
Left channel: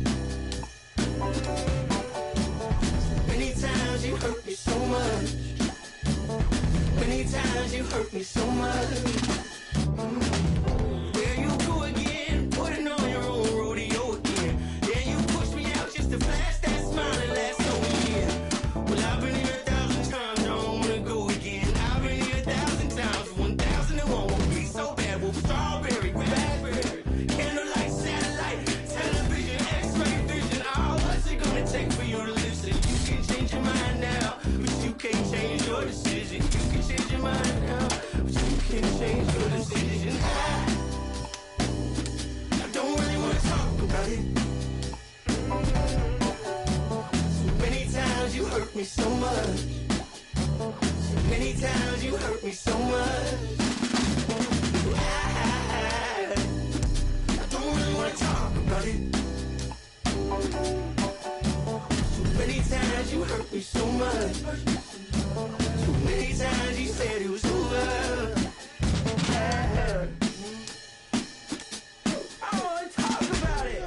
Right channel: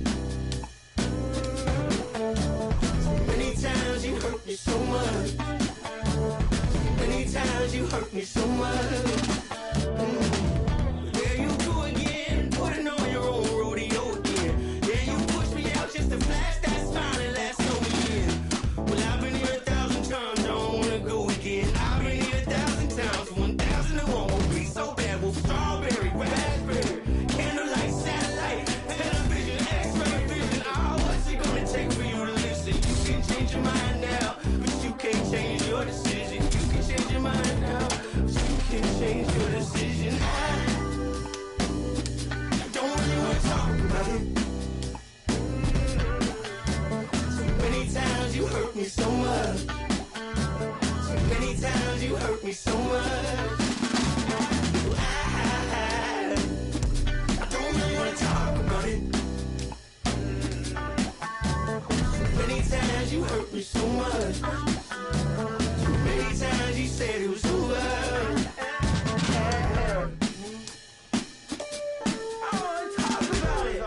Many times you hurt me so much. Many times you hurt me so much. There you go again, putting on your own rodeo again. Yeah, you push me out just to flash that smile and last over year. Well, I've been here 1,000 times, I don't wanna go again. I've been here 1,000 times, 1,001 won't be so bad. Well, strawberry, raspberry, candlelight, satellite, television, x-ray vision. Oh, what's it gonna take for you to listen? You can change your mind now, but you can't change your decision. You can change your mind now, but you can't change your decision. I don't really wanna talk about it. So many times you hurt me so much. So many times you hurt me so much. I don't really wanna talk about it. So many times you hurt me so much. So many times you said it was over. I wanna talk about it.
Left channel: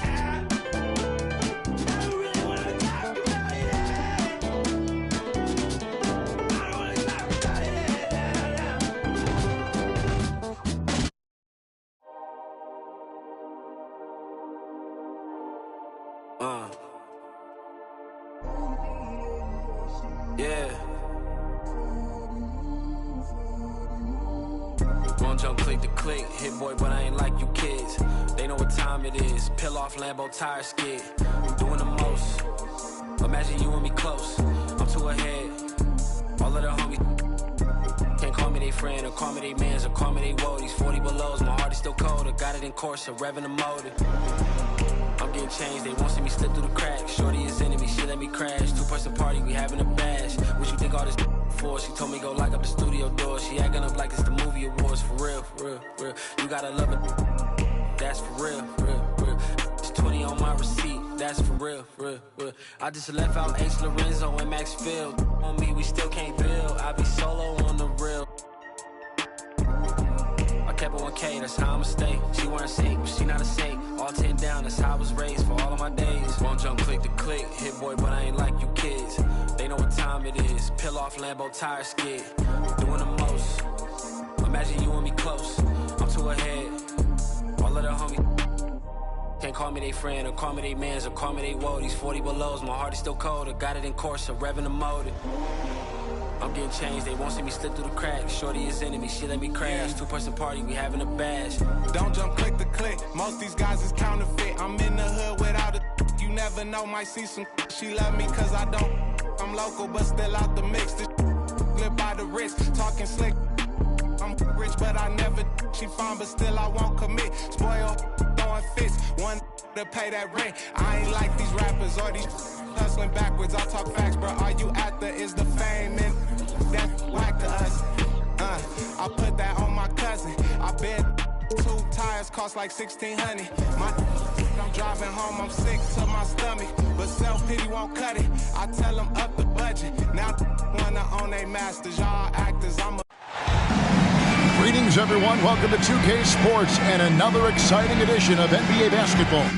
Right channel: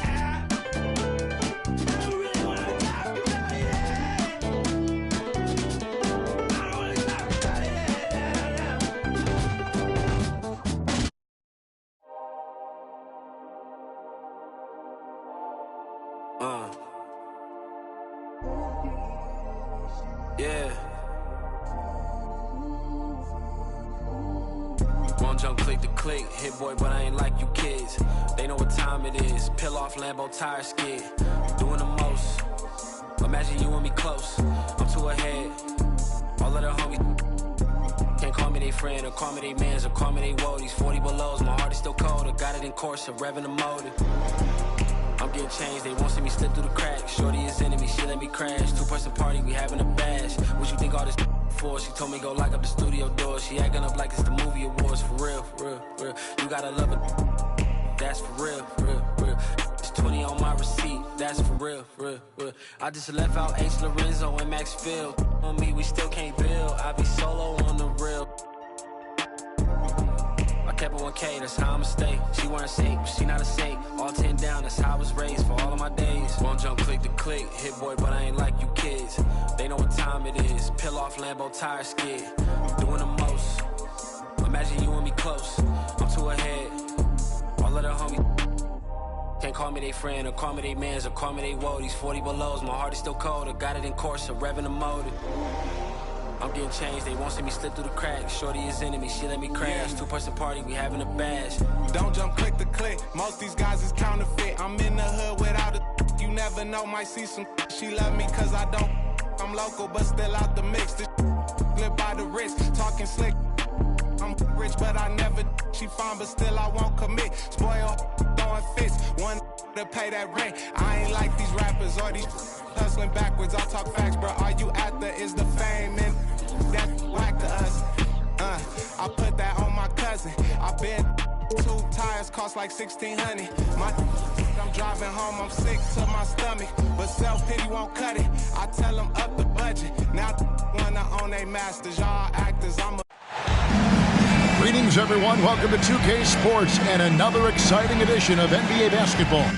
I don't really wanna talk about it. I don't wanna talk about it. Yeah. Won't jump click to click, hit boy, but I ain't like you kids. They know what time it is. Peel off Lambo tire skid. Doing the most. Imagine you and me close. I'm too ahead. All of the homies can't call me they friend, or call me they mans, or call me they woadies. 40 belows, my heart is still cold. I got it in course, revving the motor. I'm getting changed, they won't see me slip through the cracks. Shorty is enemy, she let me crash. 2-person party, we having a bash. What you think all this for? She told me go lock up the studio door. She acting up like it's the movie awards. For real, for real, for real. You gotta love it. That's for real, for real, for real. It's 20 on my receipt. That's for real, for real, for real. I just left out H. Lorenzo and Max Field. On me, we still can't build. I be solo on the real. I kept it 1K, that's how I'ma stay. She wearing safe, she not a safe. All 10 down, that's how I was raised for all of my days. Won't jump click to click, hit boy, but I ain't like you kids. They know what time it is. Peel off Lambo tire skid. Doing the most. Imagine you and me close. I'm too ahead. All of the homies can't call me they friend, or call me they mans, or call me they woadies. 40 belows, my heart is still cold. I got it in course, revving the motor. I'm getting changed, they won't see me slip through the cracks. Shorty is enemy, she let me crash. 2-person party, we having a bash. Don't jump click to click, most these guys is counterfeit. I'm in the hood without a you never know, might see some. She love me cause I don't. I'm local but still out the mix. This live by the wrist, talking slick. I'm rich but I never. She fine but still I won't commit. Spoil, throwing fits, one to pay that rent. I ain't like these rappers or these hustling backwards. I talk facts, bro. All you after is the fame and that's whack to us. I put that on my cousin. I bet 2 tires cost like $1,600. I'm driving home, I'm sick to my stomach, but self-pity won't cut it. I tell them up the budget. Now wanna own they masters. Y'all actors, I'm a... Greetings, everyone. Welcome to 2K Sports and another exciting edition of NBA basketball.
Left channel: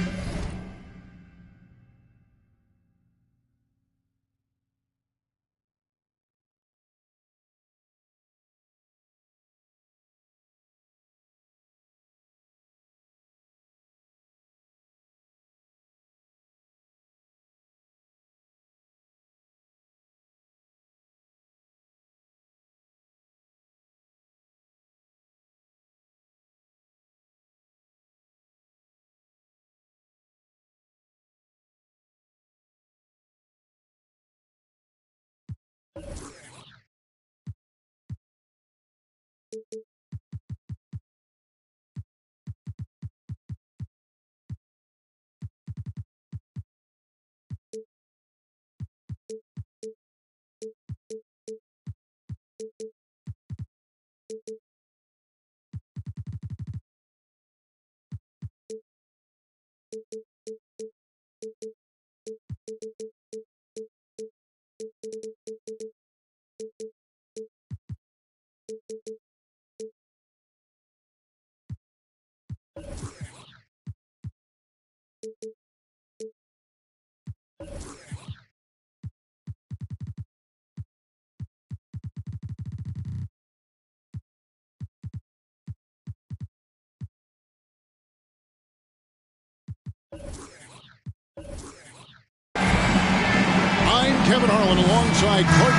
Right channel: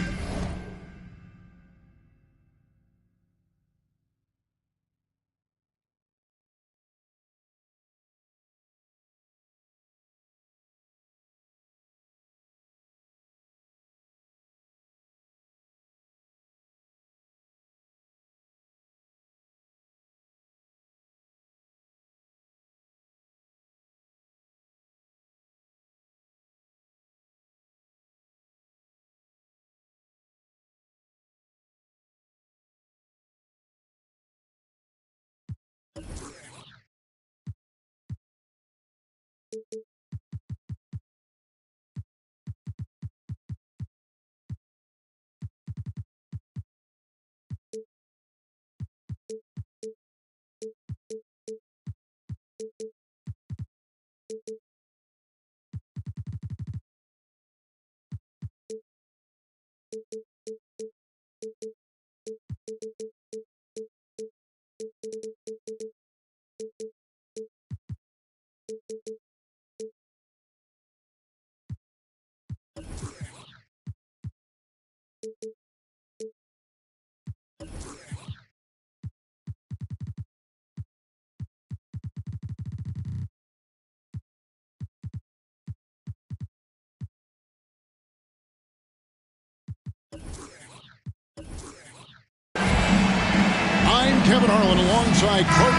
I'm Kevin Harlan alongside Clark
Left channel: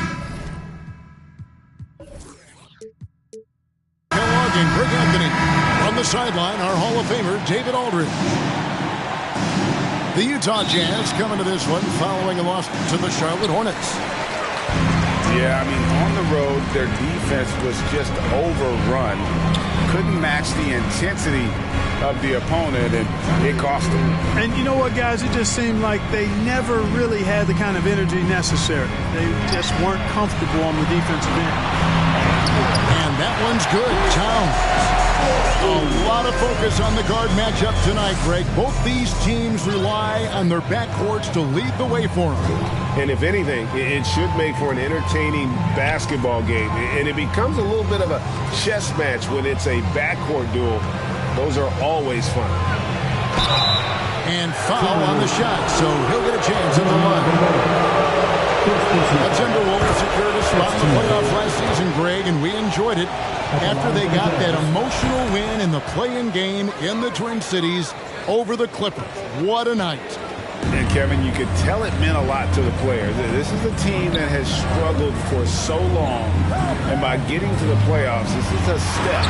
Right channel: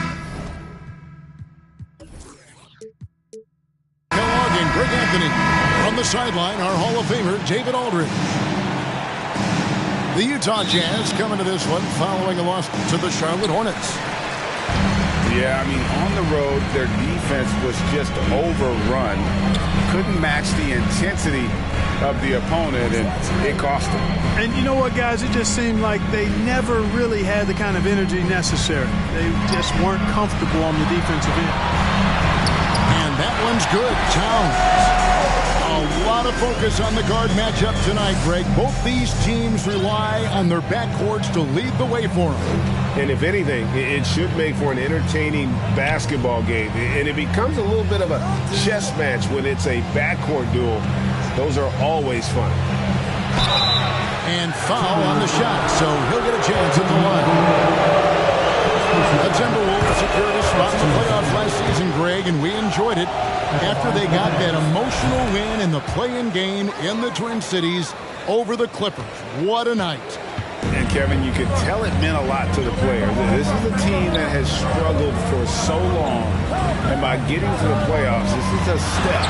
Kellogg and Greg Anthony. From the sideline, our Hall of Famer, David Aldridge. The Utah Jazz coming to this one following a loss to the Charlotte Hornets. Yeah, I mean, on the road, their defense was just overrun. Couldn't match the intensity of the opponent, and it cost them. And you know what, guys? It just seemed like they never really had the kind of energy necessary. They just weren't comfortable on the defensive end. And that one's good. Towns. A lot of focus on the guard matchup tonight, Greg. Both these teams rely on their backcourts to lead the way for them. And if anything, it should make for an entertaining basketball game. And it becomes a little bit of a chess match when it's a backcourt duel. Those are always fun. And foul on the shot, so he'll get a chance at the line. The Timberwolves secured a spot in the playoffs last season, Greg, and we enjoyed it after they got that emotional win in the play-in game in the Twin Cities over the Clippers. What a night. And, Kevin, you could tell it meant a lot to the players. This is a team that has struggled for so long, and by getting to the playoffs, this is a step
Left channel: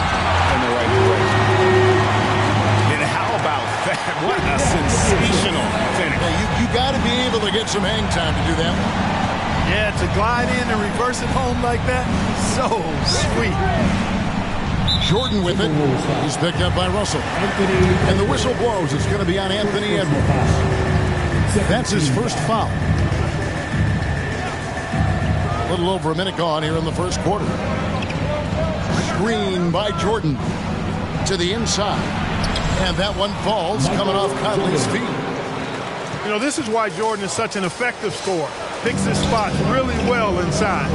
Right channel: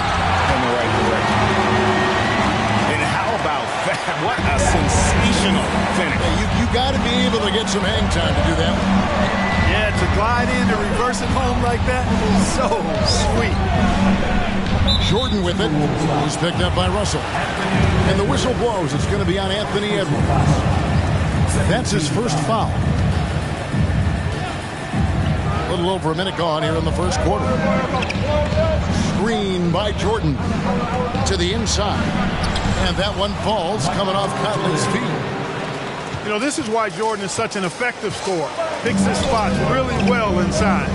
in the right direction. And how about that? What a sensational finish. Yeah, you got to be able to get some hang time to do that one. Yeah, to glide in and reverse it home like that, so sweet. Jordan with it. He's picked up by Russell. And the whistle blows. It's going to be on Anthony Edwards. That's his first foul. A little over a minute gone here in the first quarter. Screen by Jordan to the inside. And that one falls coming off Conley's feet. You know, this is why Jordan is such an effective scorer. Picks his spots really well inside.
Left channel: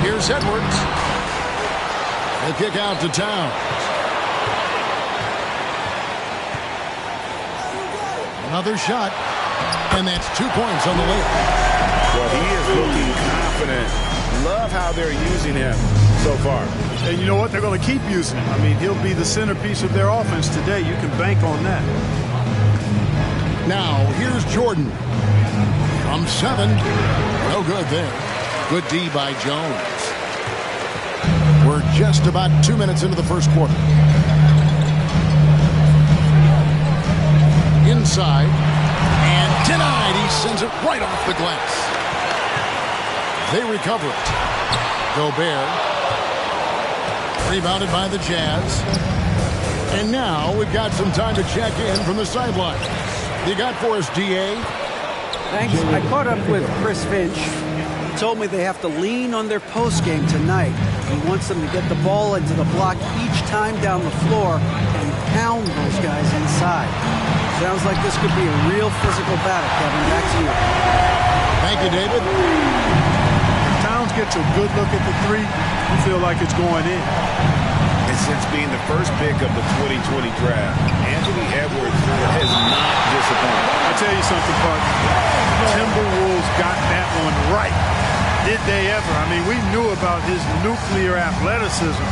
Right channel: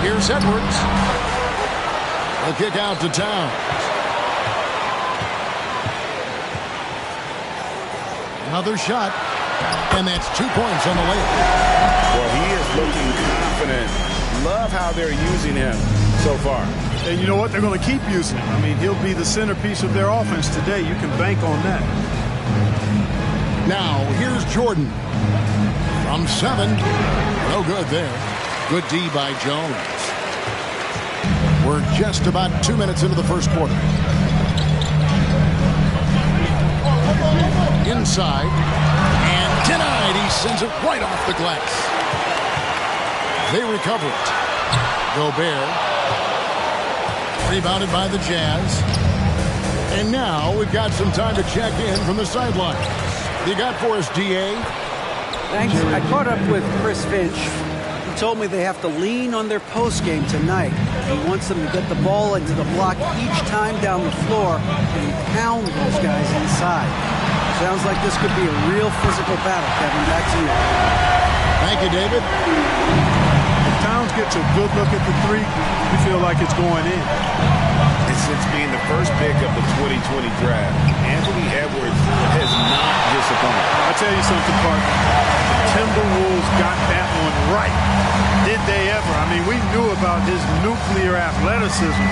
Here's Edwards. The kick out to Towns. Another shot. And that's 2 points on the layup. Well, he is looking confident. Love how they're using him so far. And you know what? They're going to keep using him. I mean, he'll be the centerpiece of their offense today. You can bank on that. Now, here's Jordan. From 7. No good there. Good D by Jones. We're just about 2 minutes into the first quarter. Inside. And denied. He sends it right off the glass. They recover it. Gobert. Rebounded by the Jazz. And now we've got some time to check in from the sidelines. You got for us, D.A.? Thanks. I caught up with Chris Finch. He told me they have to lean on their postgame tonight. He wants them to get the ball into the block each time down the floor and pound those guys inside. Sounds like this could be a real physical battle, Kevin. Back to you. Thank you, David. If Towns gets a good look at the three, you feel like it's going in. And since being the first pick of the 2020 draft, Anthony Edwards has not disappointed. I'll tell you something, partner. The Timberwolves got that one right. Did they ever? I mean, we knew about his nuclear athleticism,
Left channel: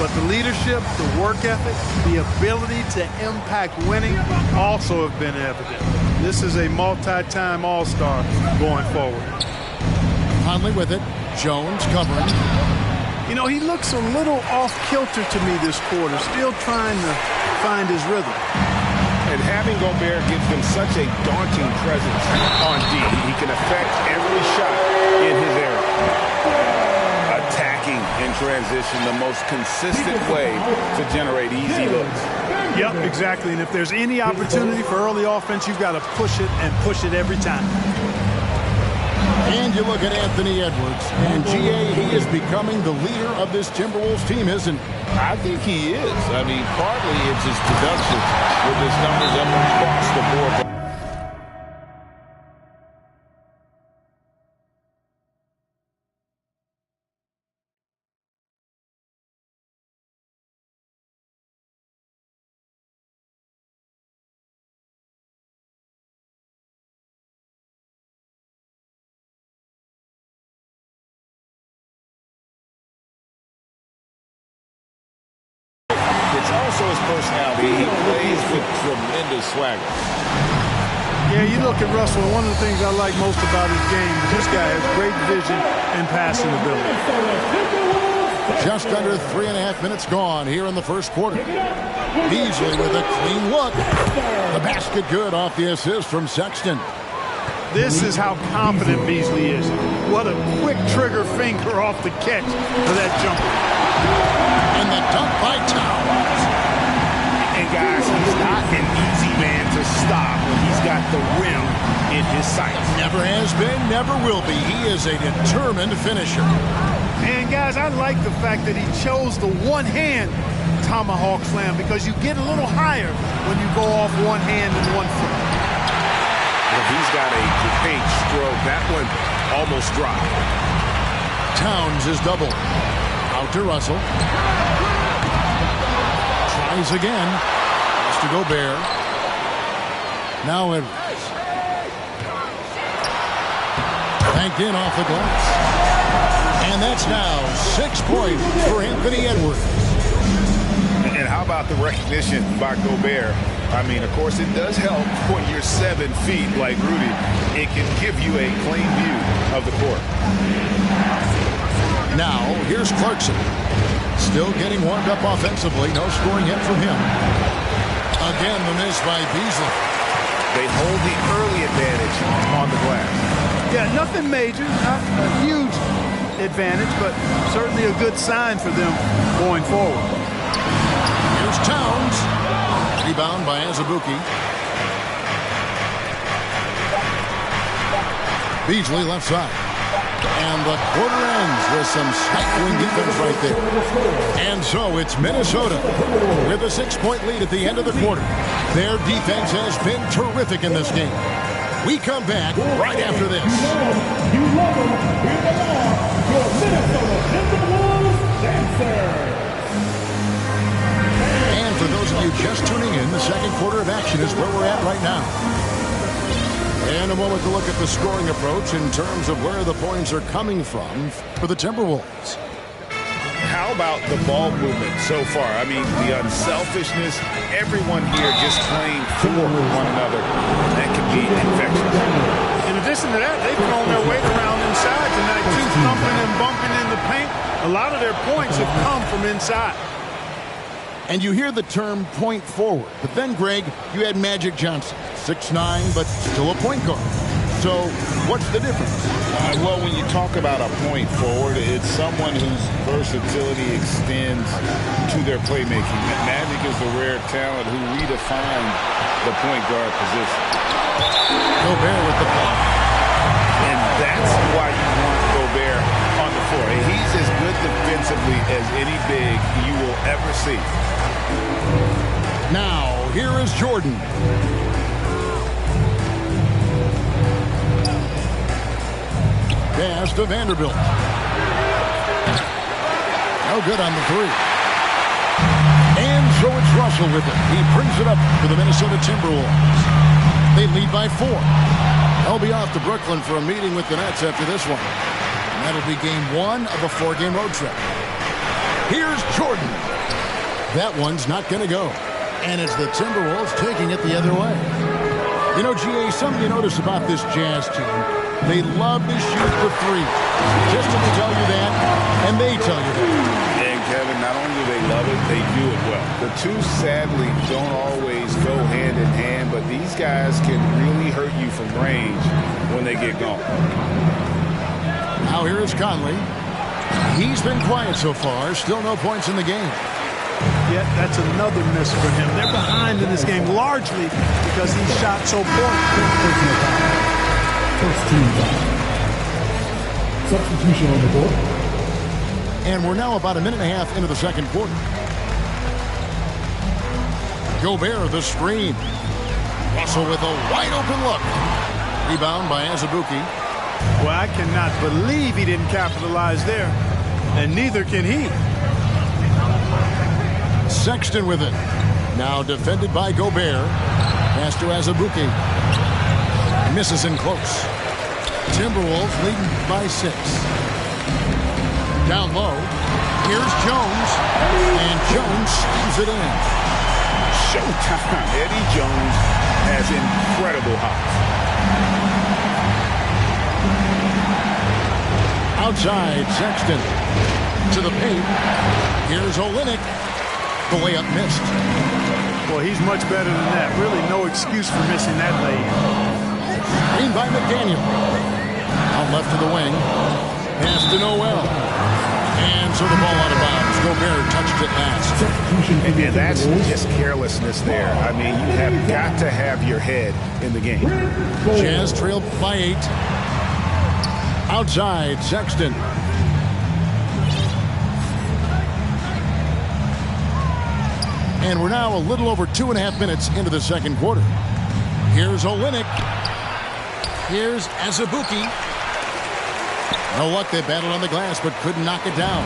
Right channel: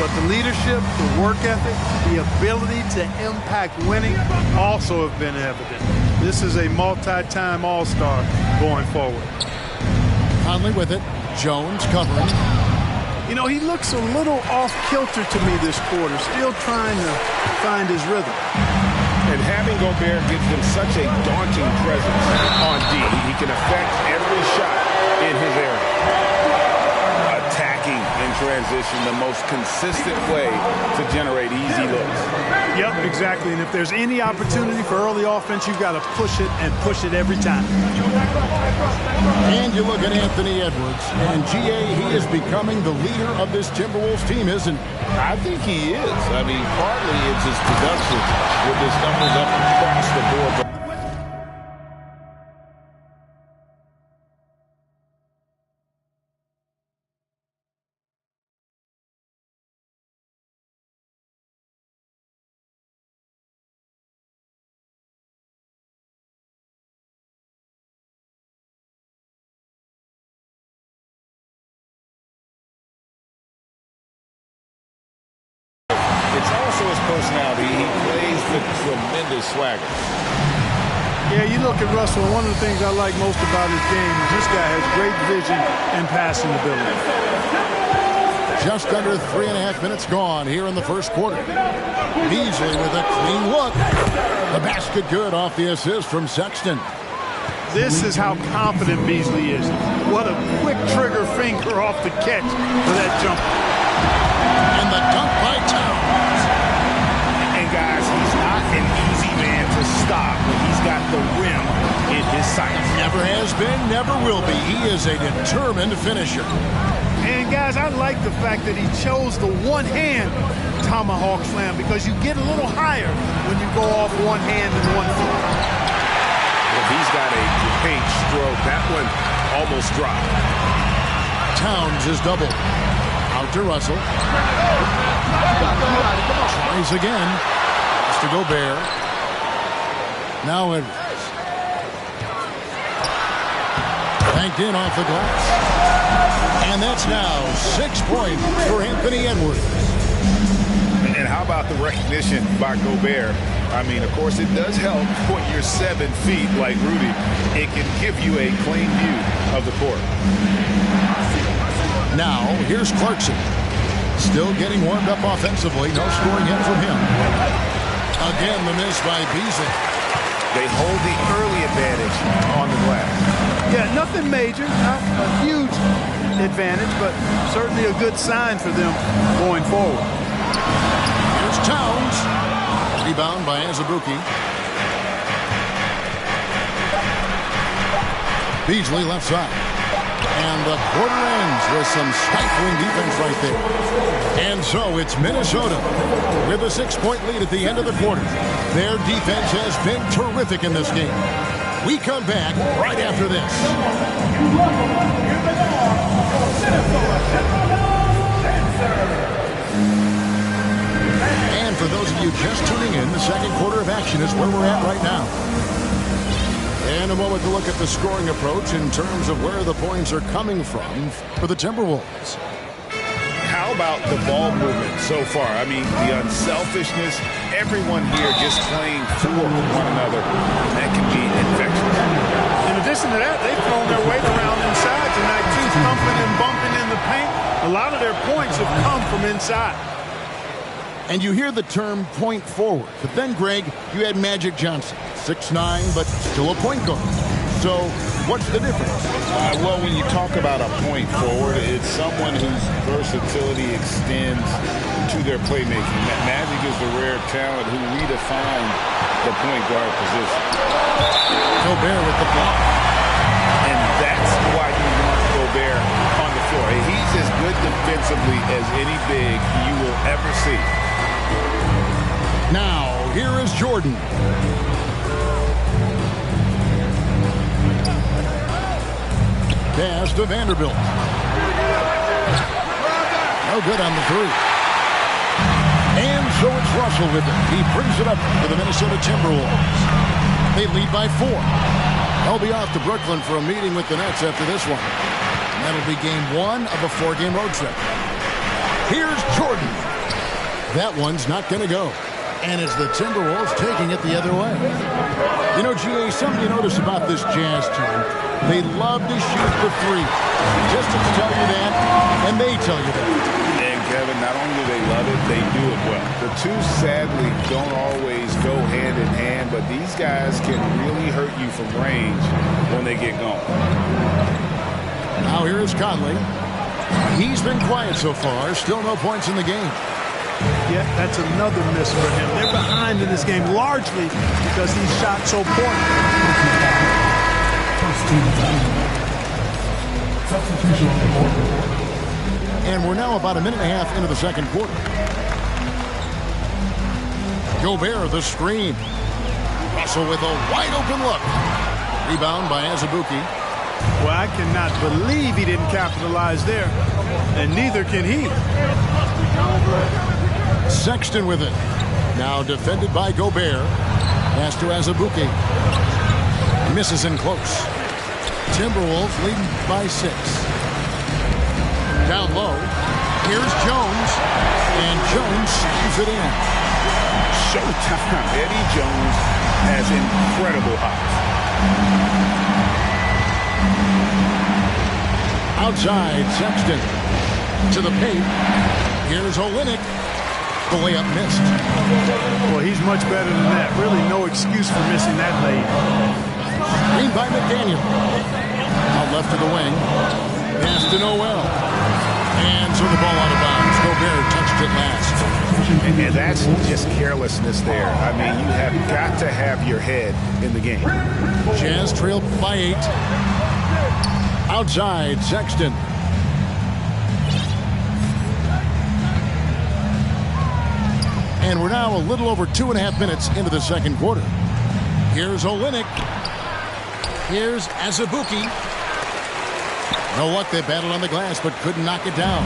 but the leadership, the work ethic, the ability to impact winning also have been evident. This is a multi-time All-Star going forward. Conley with it. Jones covering. You know, he looks a little off-kilter to me this quarter, still trying to find his rhythm. And having Gobert gives them such a daunting presence on D. He can affect every shot in his area. Attacking in transition, the most consistent way to generate easy looks. Yep, exactly. And if there's any opportunity for early offense, you've got to push it and push it every time. And you look at Anthony Edwards, and G.A., he is becoming the leader of this Timberwolves team, isn't he? I think he is. I mean, partly it's his production with his numbers up across the board. But it's also his personality. He plays with tremendous swagger. Yeah, you look at Russell, and one of the things I like most about his game is this guy has great vision and passing ability. Just under 3.5 minutes gone here in the first quarter. Beasley with a clean look. The basket good off the assist from Sexton. This is how confident Beasley is. What a quick trigger finger off the catch for that jumper. And the dunk by Towns. And guys, he's not an easy man to stop when he's got the rim in his sights. Never has been, never will be. He is a determined finisher. And guys, I like the fact that he chose the one-hand tomahawk slam because you get a little higher when you go off one hand and 1 foot. Well, he's got a great stroke. That one almost dropped. Towns is double. Out to Russell. Tries again. Has to Gobert. Now Edwards. Banked in off the glass. And that's now 6 points for Anthony Edwards. And how about the recognition by Gobert? I mean, of course, it does help when you're 7 feet like Rudy. It can give you a clean view of the court. Now, here's Clarkson. Still getting warmed up offensively. No scoring yet from him. Again, the miss by Beasley. They hold the early advantage on the glass. Yeah, nothing major, not a huge advantage, but certainly a good sign for them going forward. Here's Towns. Rebound by Azubuike. Beasley left side. And the quarter ends with some stifling defense right there. And so it's Minnesota with a 6-point lead at the end of the quarter. Their defense has been terrific in this game. We come back right after this. And for those of you just tuning in, the second quarter of action is where we're at right now. And a moment to look at the scoring approach in terms of where the points are coming from for the Timberwolves. How about the ball movement so far? I mean, the unselfishness, everyone here just playing for one another. That can be infectious. In addition to that, they've thrown their weight around inside tonight, too, thumping and bumping in the paint. A lot of their points have come from inside. And you hear the term point forward. But then, Greg, you had Magic Johnson, 6'9", but still a point guard. So what's the difference? Well, when you talk about a point forward, it's someone whose versatility extends to their playmaking. Magic is the rare talent who redefined the point guard position. Gobert with the block. And that's why you want Gobert on the floor. He's as good defensively as any big you will ever see. Now, here is Jordan. Pass to Vanderbilt. No good on the three. And so it's Russell with it. He brings it up for the Minnesota Timberwolves. They lead by 4. They'll be off to Brooklyn for a meeting with the Nets after this one. And that'll be game 1 of a 4-game road trip. Here's Jordan. That one's not going to go. And it's the Timberwolves taking it the other way. You know, GA, something you notice about this Jazz team, they love to shoot the three. Just to tell you that, and they tell you that. And, Kevin, not only do they love it, they do it well. The two, sadly, don't always go hand in hand, but these guys can really hurt you from range when they get going. Now here is Conley. He's been quiet so far. Still no points in the game. Yet that's another miss for him. They're behind in this game largely because he shot so poorly. First team foul. Substitution on the board. And we're now about a minute and a half into the second quarter. Gobert, the screen. Russell with a wide open look. Rebound by Azubuike. Well, I cannot believe he didn't capitalize there. And neither can he. Sexton with it. Now defended by Gobert. Pass to Azubuike. Misses in close. Timberwolves leading by 6. Down low. Here's Jones. And Jones slams it in. Showtime. Eddie Jones has incredible hops. Outside, Sexton. To the paint. Here's Olynyk. The layup missed. Well, he's much better than that. Really no excuse for missing that lay. Screen by McDaniel. Out left to the wing. Pass to Noel. And so the ball out of bounds. Gobert touched it last. And that's just carelessness there. I mean, you have got to have your head in the game. Jazz trailed by 8. Outside, Sexton. And we're now a little over 2.5 minutes into the second quarter. Here's Olynyk. Here's Azubuike. No luck, they battled on the glass, but couldn't knock it down.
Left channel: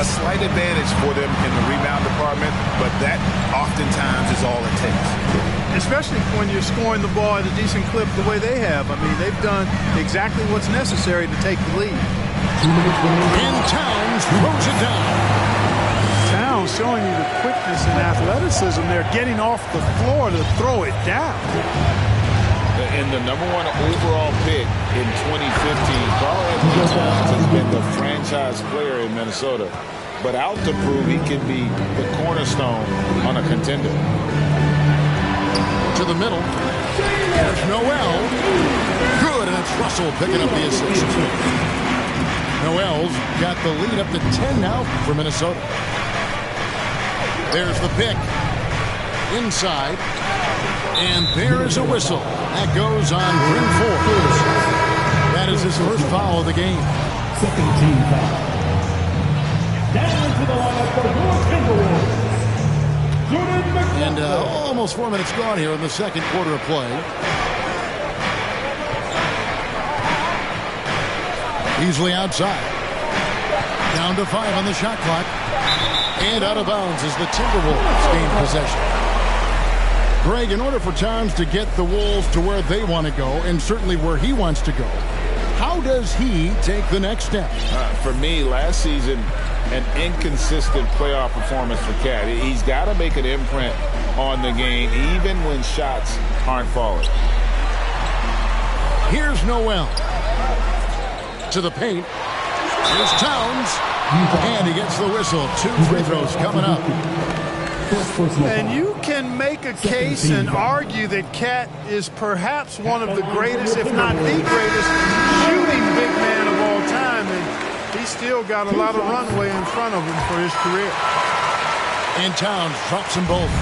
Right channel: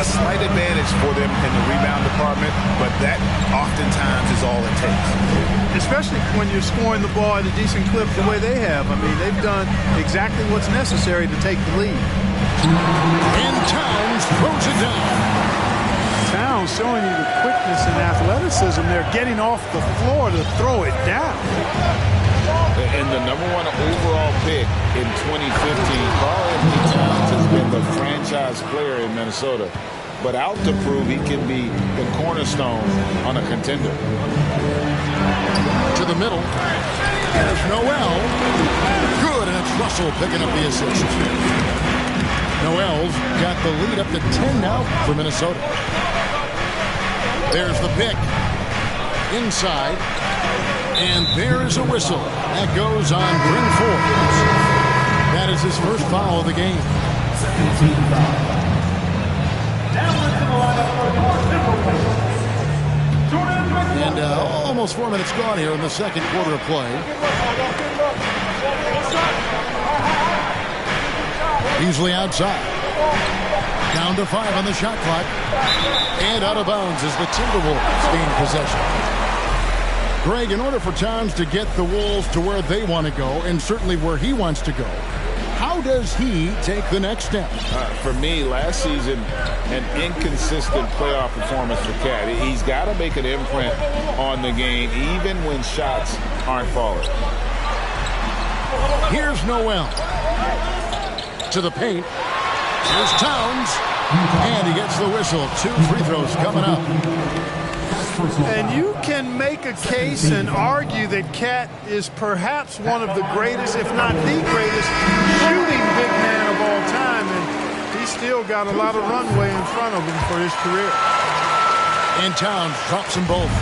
A slight advantage for them in the rebound department, but that oftentimes is all it takes. Especially when you're scoring the ball at a decent clip the way they have. I mean, they've done exactly what's necessary to take the lead. And Towns throws it down. Towns showing you the quickness and athleticism. They're getting off the floor to throw it down. And the #1 overall pick in 2015, Karl-Anthony Towns has been the franchise player in Minnesota, but out to prove he can be the cornerstone on a contender. To the middle. There's Noel. Good, and it's Russell picking up the assist. Noel's got the lead up to 10 now for Minnesota. There's the pick. Inside. And there is a whistle. That goes on Bryn Forbes. That is his first foul of the game. Second team foul. Down into the lineup for your Timberwolves. And almost 4 minutes gone here in the second quarter of play. Beasley outside. Down to 5 on the shot clock. And out of bounds as the Timberwolves gain possession. Greg, in order for Towns to get the Wolves to where they want to go, and certainly where he wants to go, how does he take the next step? For me, last season, an inconsistent playoff performance for Cat. He's got to make an imprint on the game, even when shots aren't falling. Here's Noel. To the paint. Here's Towns. And he gets the whistle. 2 free throws coming up. And you can make a case and argue that Cat is perhaps one of the greatest, if not the greatest, shooting big man of all time. And he's still got a lot of runway in front of him for his career. And Towns drops them both.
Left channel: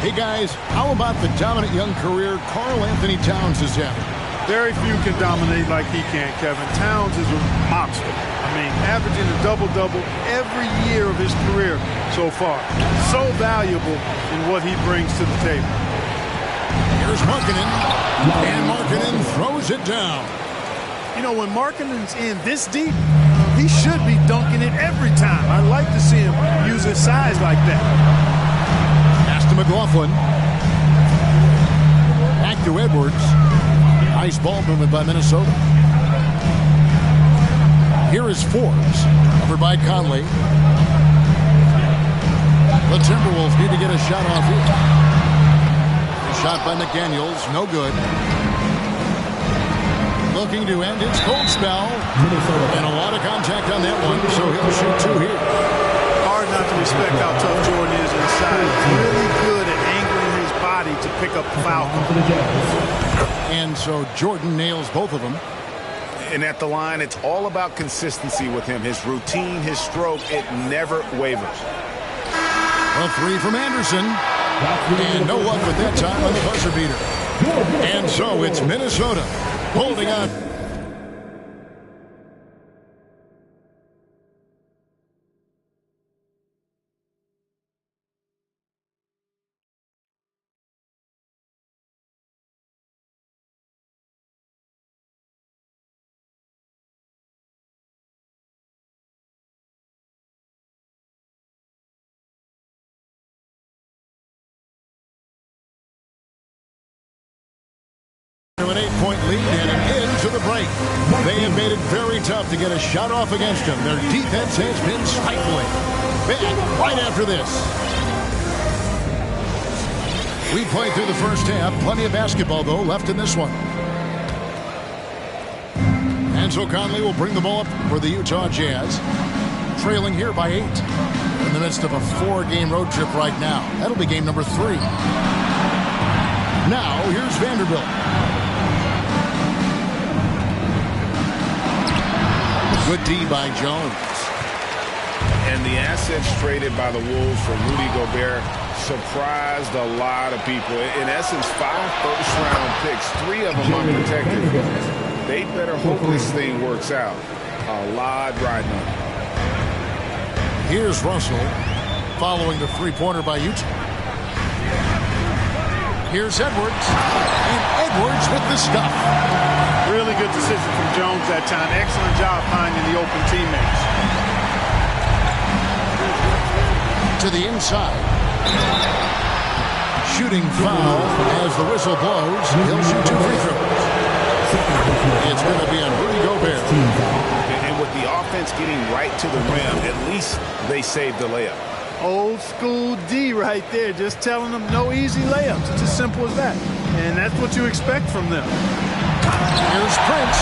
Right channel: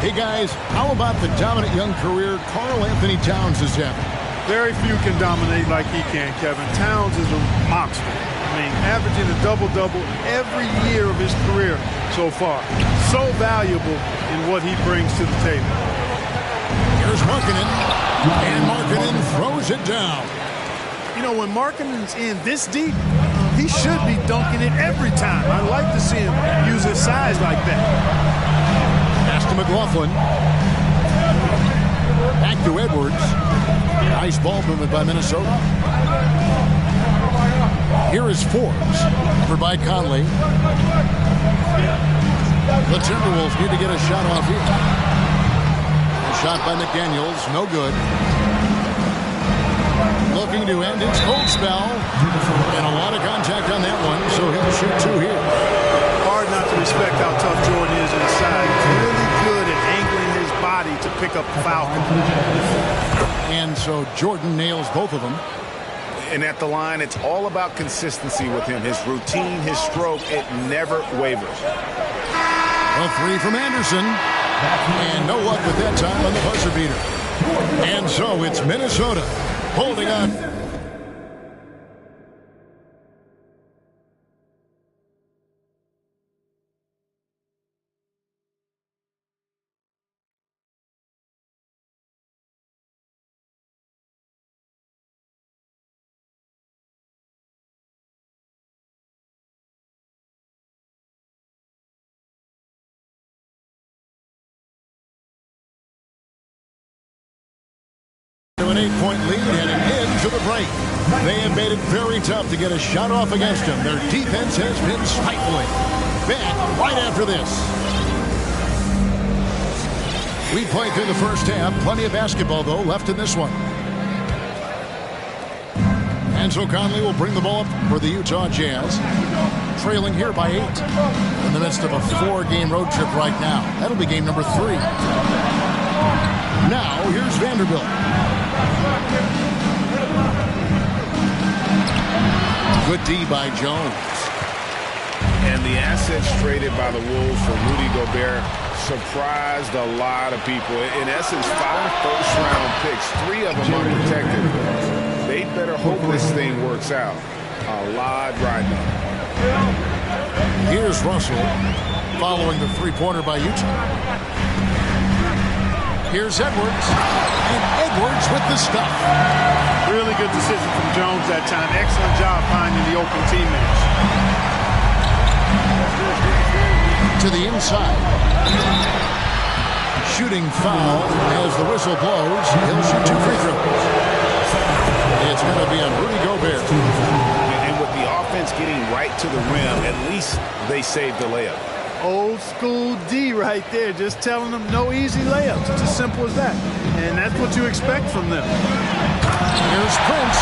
Hey, guys, how about the dominant young career Karl Anthony Towns is having? Very few can dominate like he can, Kevin. Towns is a monster. I mean, averaging a double-double every year of his career so far. So valuable in what he brings to the table. Here's Markkanen. And Markkanen throws it down. You know, when Markkanen's in this deep, he should be dunking it every time. I like to see him use his size like that. Pass to McLaughlin. Back to Edwards. Nice ball movement by Minnesota. Here is Forbes, covered by Conley. The Timberwolves need to get a shot off here. A shot by McDaniels, no good. Looking to end his cold spell. And a lot of contact on that one, so he'll shoot 2 here. Hard not to respect how tough Jordan is inside. Really good at angling his body to pick up the foul call. And so Jordan nails both of them. And at the line, it's all about consistency with him. His routine, his stroke, it never wavers. A 3 from Anderson. And no luck with that time on the buzzer beater. And so it's Minnesota holding on. An 8-point lead heading into the break. They have made it very tough to get a shot off against them. Their defense has been stifling. Back right after this. We played through the first half. Plenty of basketball, though, left in this one. And so Conley will bring the ball up for the Utah Jazz. Trailing here by 8. In the midst of a 4-game road trip right now. That'll be game number 3. Now, here's Vanderbilt. Good D by Jones. And the assets traded by the Wolves for Rudy Gobert surprised a lot of people. In essence, 5 first-round picks, 3 of them unprotected. They better hope this thing works out. A lot riding on it. Here's Russell following the 3-pointer by Utah. Here's Edwards. And Edwards with the stuff. Really good decision from Jones that time. Excellent job finding the open teammates. To the inside. Shooting foul as the whistle blows. He'll shoot 2 free throws. It's going to be on Rudy Gobert. And with the offense getting right to the rim, at least they saved the layup. Old school D right there. Just telling them no easy layups. It's as simple as that. And that's what you expect from them. Here's Prince,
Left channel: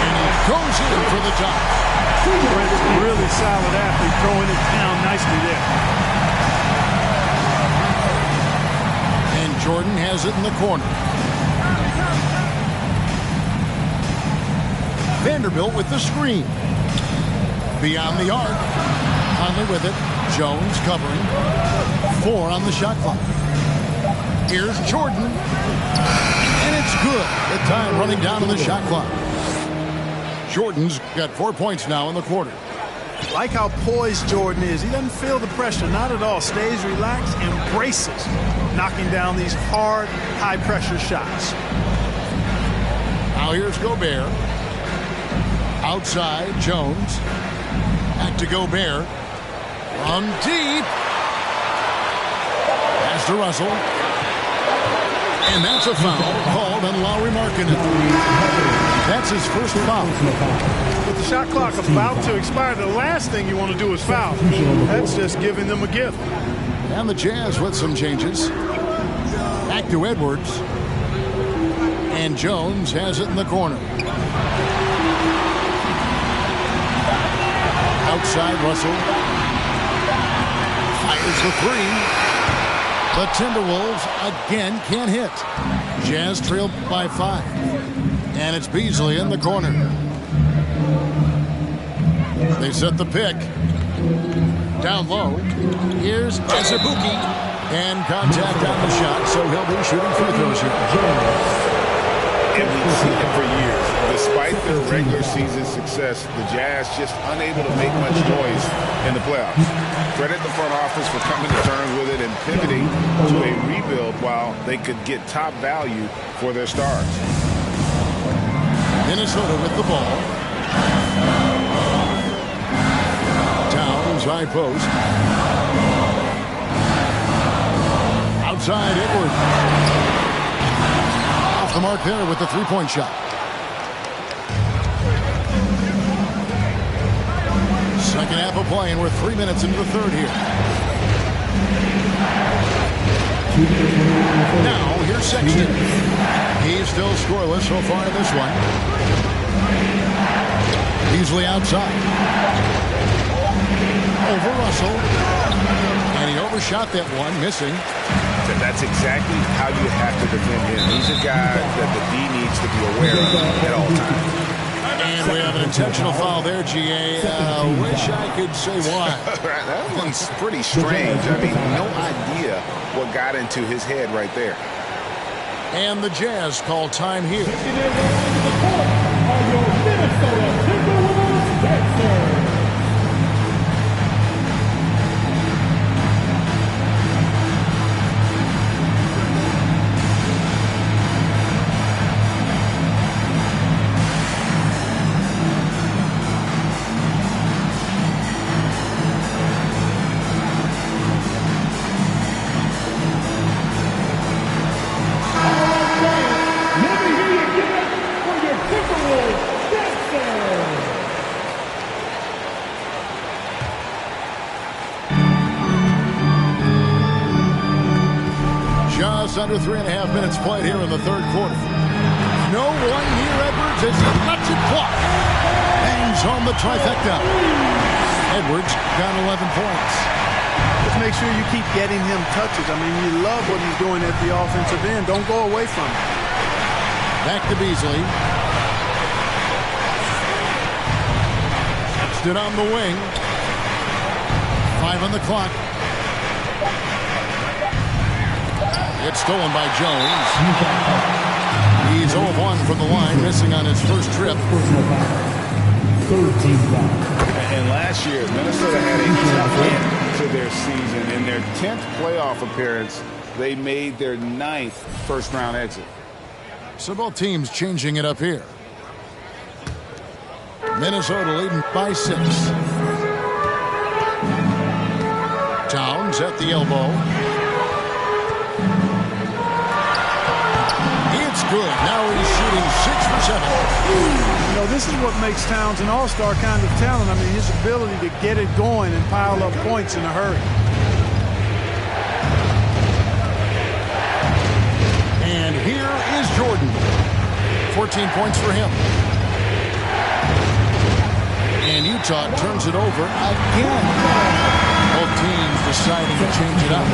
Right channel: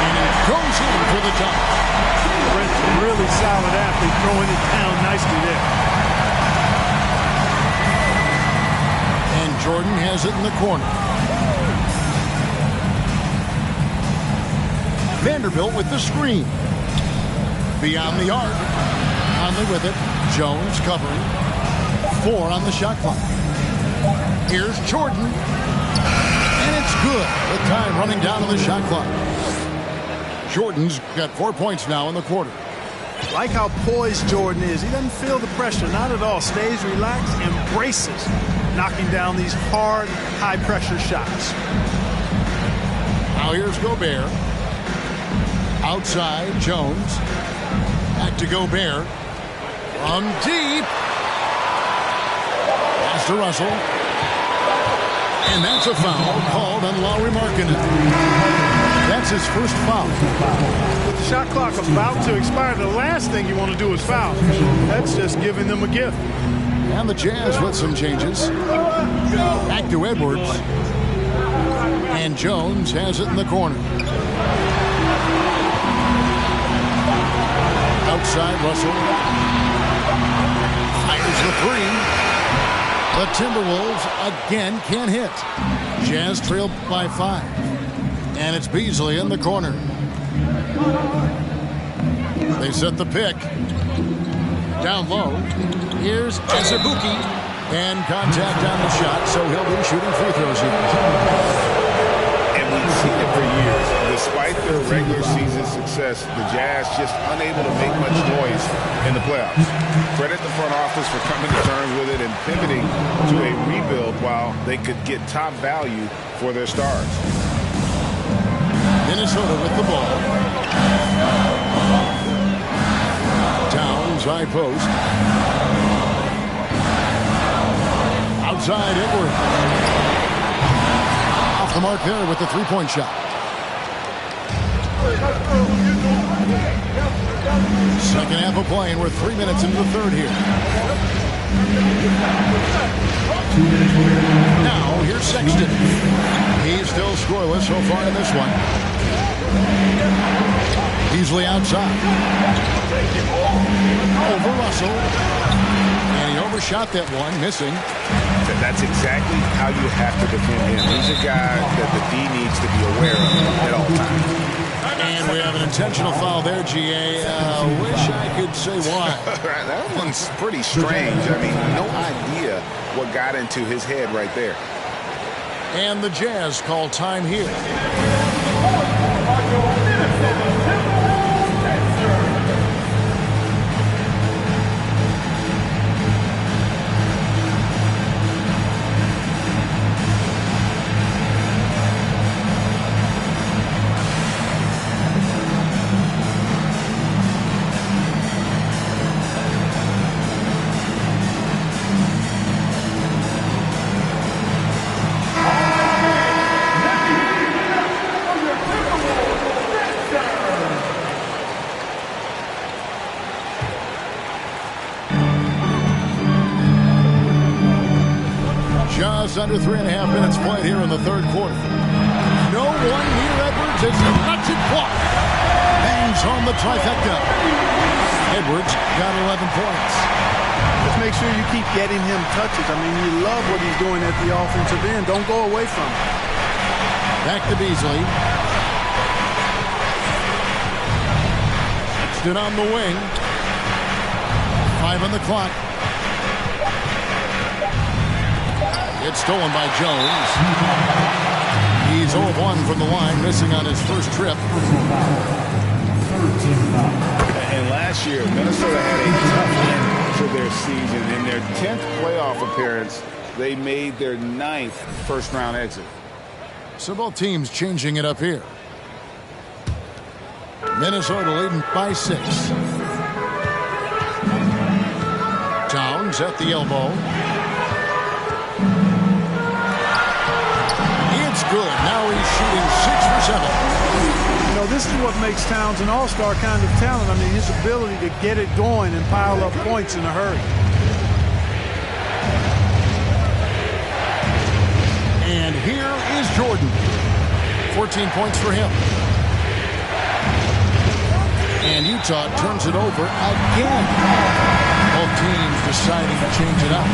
and he goes in for the dunk. Prince, a really solid athlete, throwing it down nicely there. And Jordan has it in the corner. Vanderbilt with the screen. Beyond the arc. Conley with it. Jones covering. 4 on the shot clock. Here's Jordan. And it's good. The time running down on the shot clock. Jordan's got 4 points now in the quarter. Like how poised Jordan is. He doesn't feel the pressure, not at all. Stays relaxed, embraces knocking down these hard, high-pressure shots. Now here's Gobert. Outside, Jones. Back to Gobert. From deep. Pass to Russell. And that's a foul called on Lauri Markkanen. That's his first foul. With the shot clock about to expire, the last thing you want to do is foul. That's just giving them a gift. And the Jazz with some changes. Back to Edwards. And Jones has it in the corner. Outside, Russell. Fires the 3. The Timberwolves again can't hit. Jazz trail by 5. And it's Beasley in the corner. They set the pick. Down low. Here's Azubuike. And contact on the shot, so he'll be shooting free throws here. And we've seen it for years. Despite their regular season success, the Jazz just unable to make much noise in the playoffs. Credit the front office for coming to terms with it and pivoting to a rebuild while they could get top value for their stars. Minnesota with the ball. Towns, high post. Outside, Edwards. Off the mark there with the three-point shot. Second half of play, and we're 3 minutes into the third here. Now, here's Sexton. He's still scoreless so far in this one. Beasley outside. Over Russell. And he overshot that one, missing. That's exactly how you have to defend him. He's a guy that the D needs to be aware of at all times. And we have an intentional foul there, GA. Wish I could say why. That one's pretty strange. I mean, no idea what got into his head right there. And the Jazz call time here. Just under 3.5 minutes played here in the third quarter. No one near Edwards as he lets it fly. Bangs home the trifecta. Edwards got 11 points. Just make sure you keep getting him touches. I mean, you love what he's doing at the offensive end. Don't go away from him. Back to Beasley. Sexton on the wing. 5 on the clock. It's stolen by Jones. He's 0 of 1 from the line, missing on his first trip. And last year, Minnesota had a tough end to their season. In their 10th playoff appearance, they made their 9th first-round exit. So both teams changing it up here. Minnesota leading by 6. Towns at the elbow. It's good. Now he's shooting 6 for 7. You know, this is what makes Towns an all-star kind of talent. I mean, his ability to get it going and pile up points in a hurry. And here is Jordan. 14 points for him. And Utah turns it over again. Both teams deciding to change it up.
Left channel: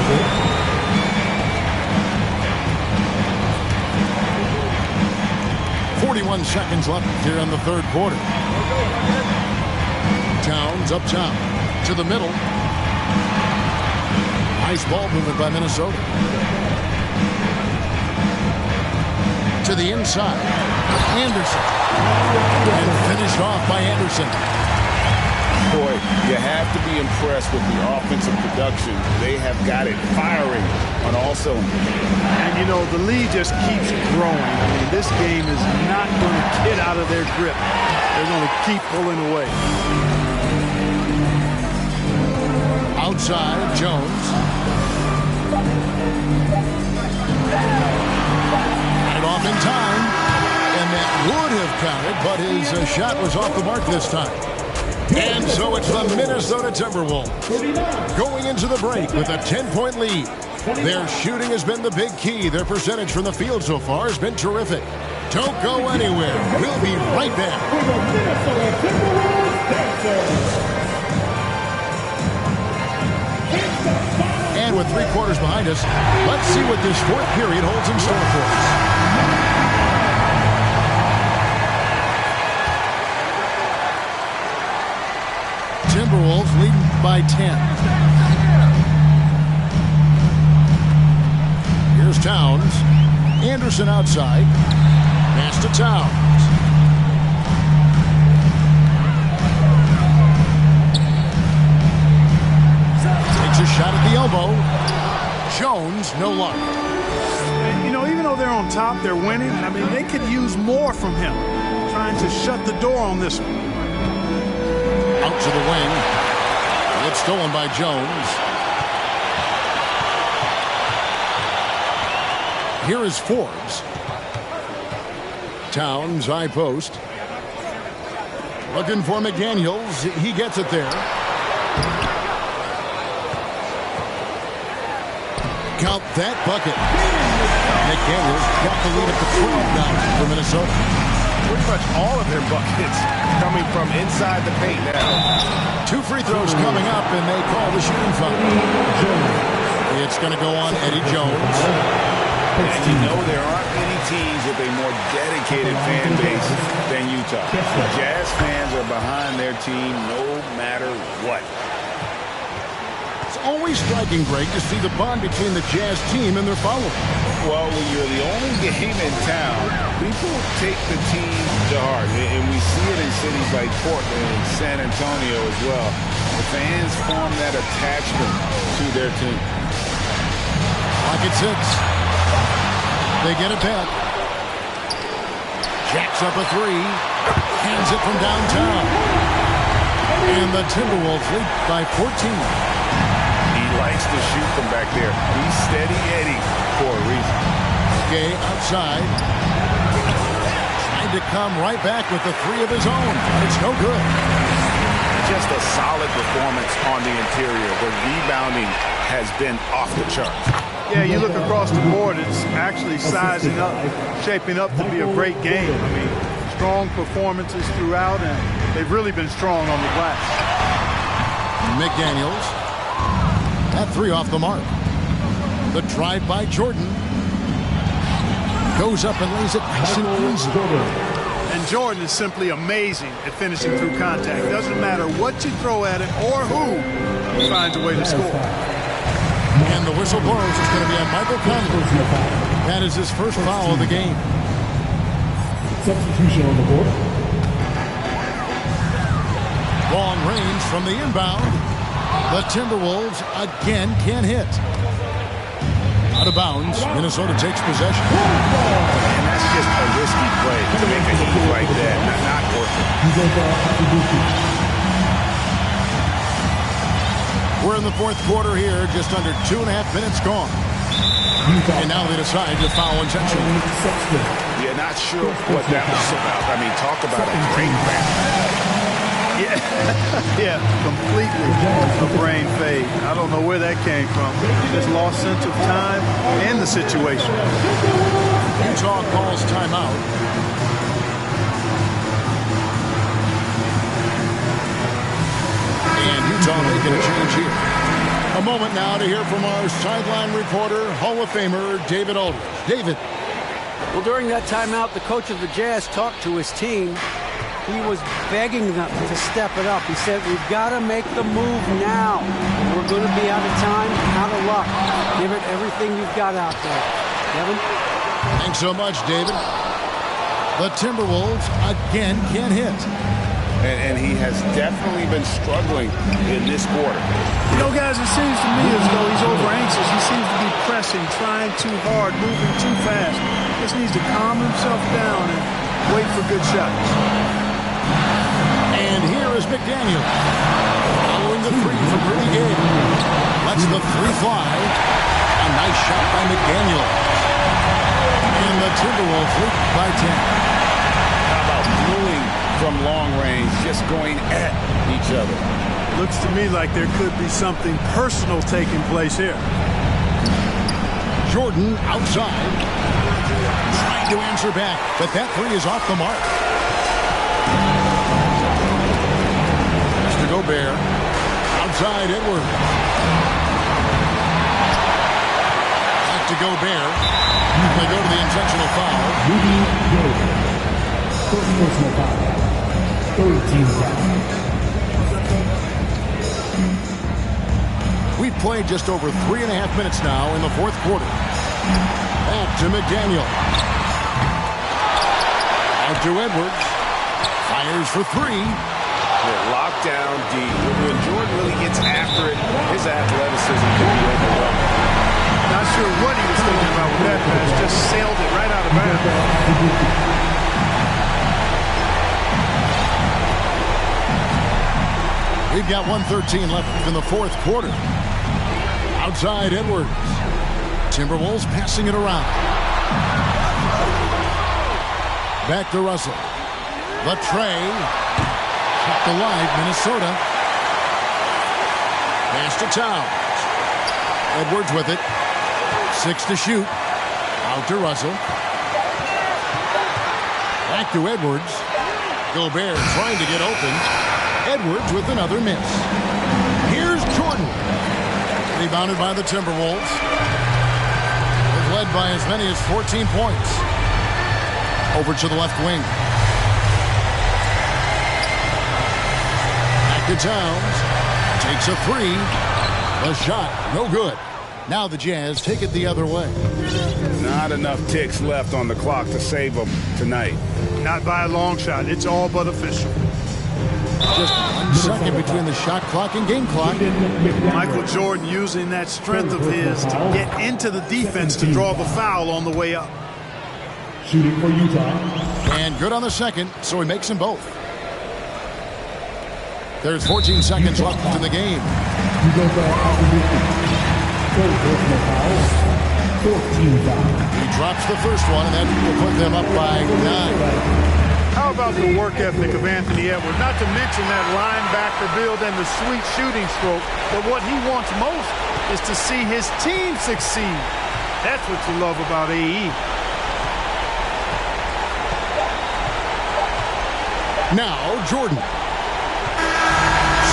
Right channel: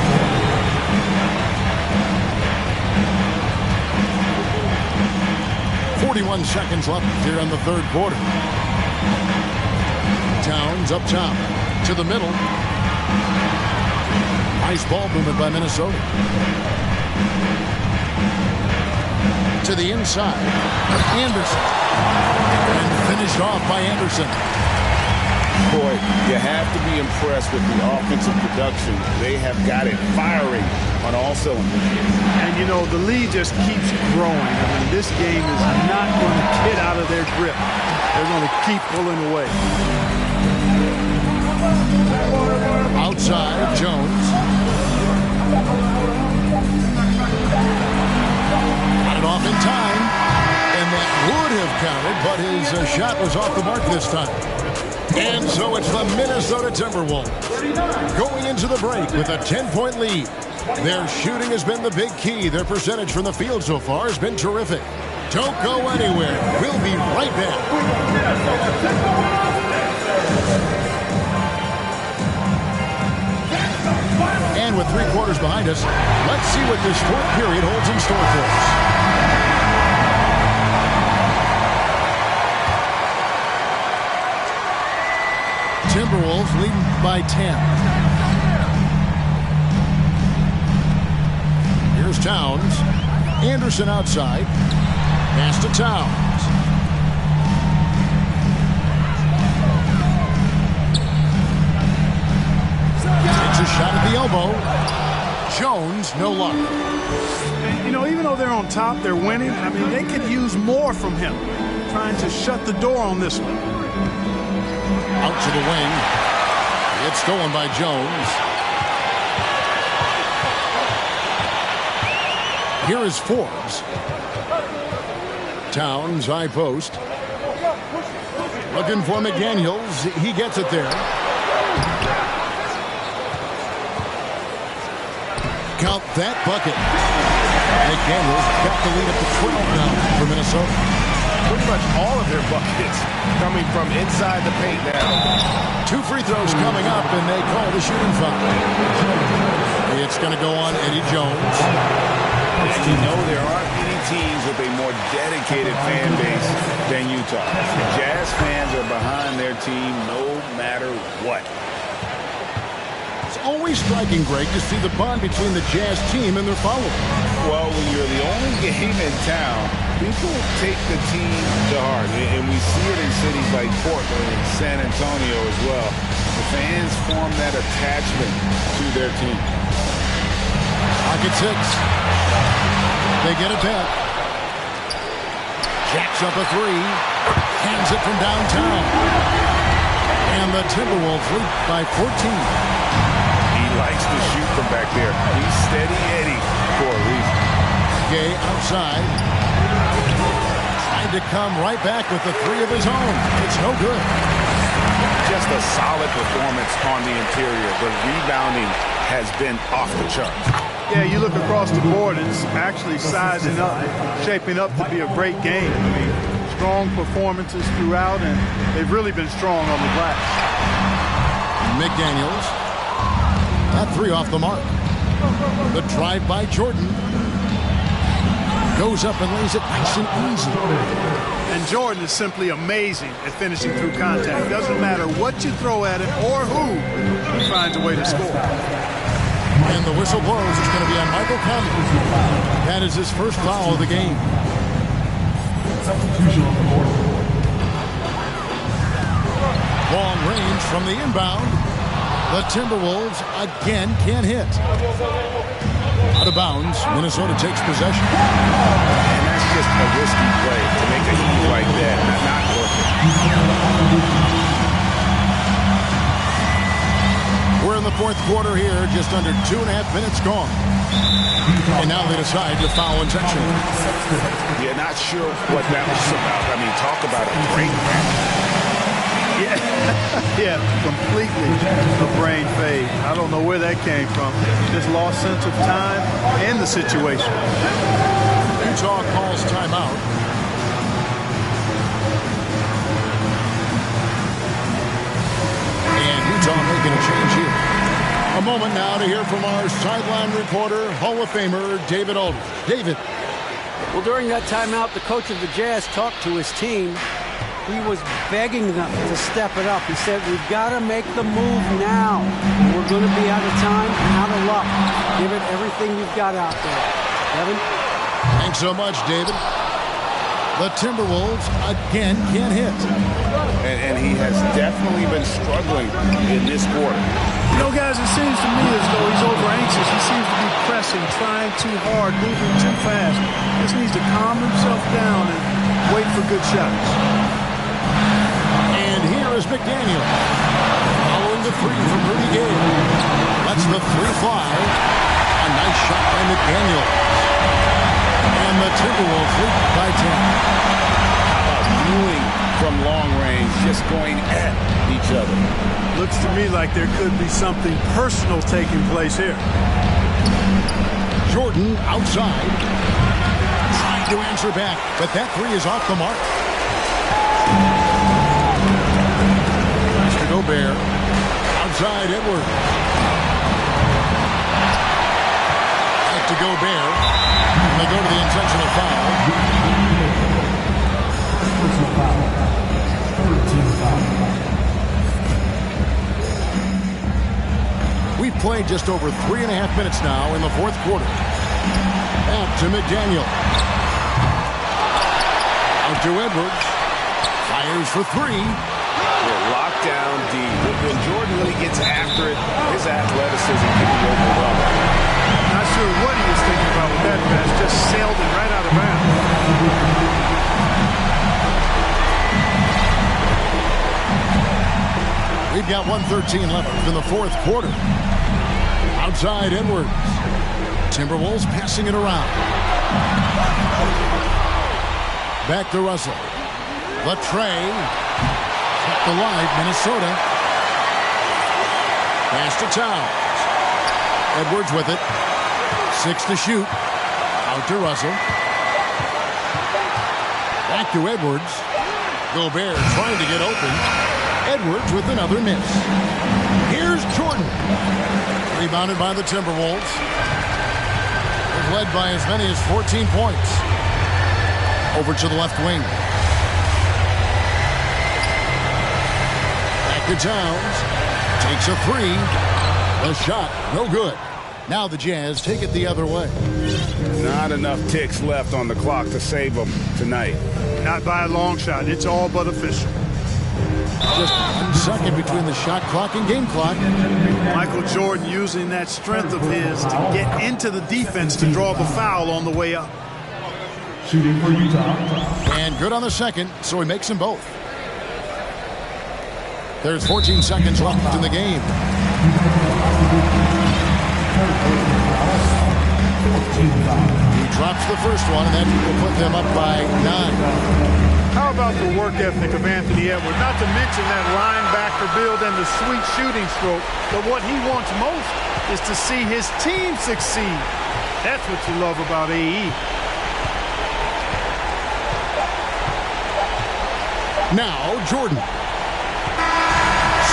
41 seconds left here in the third quarter. Towns up top to the middle. Nice ball movement by Minnesota. To the inside. Anderson. And finished off by Anderson. Boy, you have to be impressed with the offensive production. They have got it firing on all cylinders. And, you know, the lead just keeps growing. I mean, this game is not going to get out of their grip. They're going to keep pulling away. Outside, Jones. Got it off in time. And that would have counted, but his shot was off the mark this time. And so it's the Minnesota Timberwolves going into the break with a 10-point lead. Their shooting has been the big key. Their percentage from the field so far has been terrific. Don't go anywhere. We'll be right back. And with 3 quarters behind us, let's see what this fourth period holds in store for us. Timberwolves leading by 10. Here's Towns. Anderson outside. Pass to Towns. Takes a shot at the elbow. Jones, no luck. And, you know, even though they're on top, they're winning. I mean, they could use more from him. Trying to shut the door on this one. Out to the wing. It's stolen by Jones. Here is Forbes. Towns, high post. Looking for McDaniels. He gets it there. Count that bucket. McDaniels got the lead up to 12 now for Minnesota. Pretty much all of their buckets coming from inside the paint now. 2 free throws coming up, and they call the shooting foul. It's going to go on Eddie Jones. And you know there aren't many teams with a more dedicated fan base than Utah. The Jazz fans are behind their team no matter what. It's always striking, Greg, to see the bond between the Jazz team and their followers. Well, when you're the only game in town, people take the team to heart. And we see it in cities like Portland and San Antonio as well. The fans form that attachment to their team. Pocket 6. They get it back. Jacks up a 3. Hands it from downtown. And the Timberwolves lead by 14. He likes to shoot from back there. He's steady Eddie for a reason. Gay outside. Trying to come right back with the 3 of his own, but it's no good. Just a solid performance on the interior. The rebounding has been off the charts. Yeah, you look across the board, it's actually sizing up, shaping up to be a great game. I mean, strong performances throughout, and they've really been strong on the glass. McDaniels. That 3 off the mark. The drive by Jordan. Goes up and lays it nice and easy. And Jordan is simply amazing at finishing through contact. Doesn't matter what you throw at him or who, he finds a way to score. And the whistle blows. It's going to be on Michael Conley. That is his first foul of the game. Substitution on the court. Long range from the inbound. The Timberwolves again can't hit. Out of bounds. Minnesota takes possession. And that's just a risky play to make a heave like that. Not worth it. We're in the fourth quarter here, just under 2.5 minutes gone. And now they decide to foul intentionally. Yeah, not sure what that was about. I mean, talk about a brain cramp. Yeah, completely a brain fade. I don't know where that came from. Just lost sense of time and the situation. Utah calls timeout. And Utah making a change here. A moment now to hear from our sideline reporter, Hall of Famer David Aldridge. David. Well, during that timeout, the coach of the Jazz talked to his team. He was begging them to step it up. He said, we've got to make the move now. We're going to be out of time, out of luck. Give it everything you've got out there. Kevin? Thanks so much, David. The Timberwolves again can't hit. And he has definitely been struggling in this quarter. You know, guys, it seems to me as though he's over anxious. He seems to be pressing, trying too hard, moving too fast. Just needs to calm himself down and wait for good shots. And here is McDaniel. Following the three from Rudy Gay. Lets the three fly. A nice shot by McDaniel. And the Timberwolves lead by 10. How about dueling from long range, just going at each other? Looks to me like there could be something personal taking place here. Jordan outside. Trying to answer back, but that three is off the mark. Mr. Gobert. Outside Edwards. Back to Gobert. And they go to the intentional foul. First personal foul. Third team foul. We've played just over 3.5 minutes now in the fourth quarter. Back to McDaniel. Out to Edwards. Fires for three. Yeah, lockdown D. When Jordan really gets after it, his athleticism can be overwhelming. Not sure what he was thinking about with that pass. Just sailed it right out of bounds. We've got 1:13 left in the fourth quarter. Outside Edwards. Timberwolves passing it around. Back to Russell. The tray. Kept alive, Minnesota. Pass to Towns. Edwards with it. 6 to shoot. Out to Russell. Back to Edwards. Gobert trying to get open. Edwards with another miss. Here's Jordan. Rebounded by the Timberwolves. They've led by as many as 14 points. Over to the left wing. Back to Towns. Takes a three. The shot, no good. Now the Jazz take it the other way. Not enough ticks left on the clock to save them tonight. Not by a long shot. It's all but official. Just 1 second between the shot clock and game clock. Michael Jordan using that strength of his to get into the defense to draw the foul on the way up. Shooting for Utah. And good on the second, so he makes them both. There's 14 seconds left in the game. Third personal foul. 14 foul. He drops the first one, and that will put them up by 9. How about the work ethic of Anthony Edwards? Not to mention that linebacker build and the sweet shooting stroke. But what he wants most is to see his team succeed. That's what you love about AE. Now, Jordan.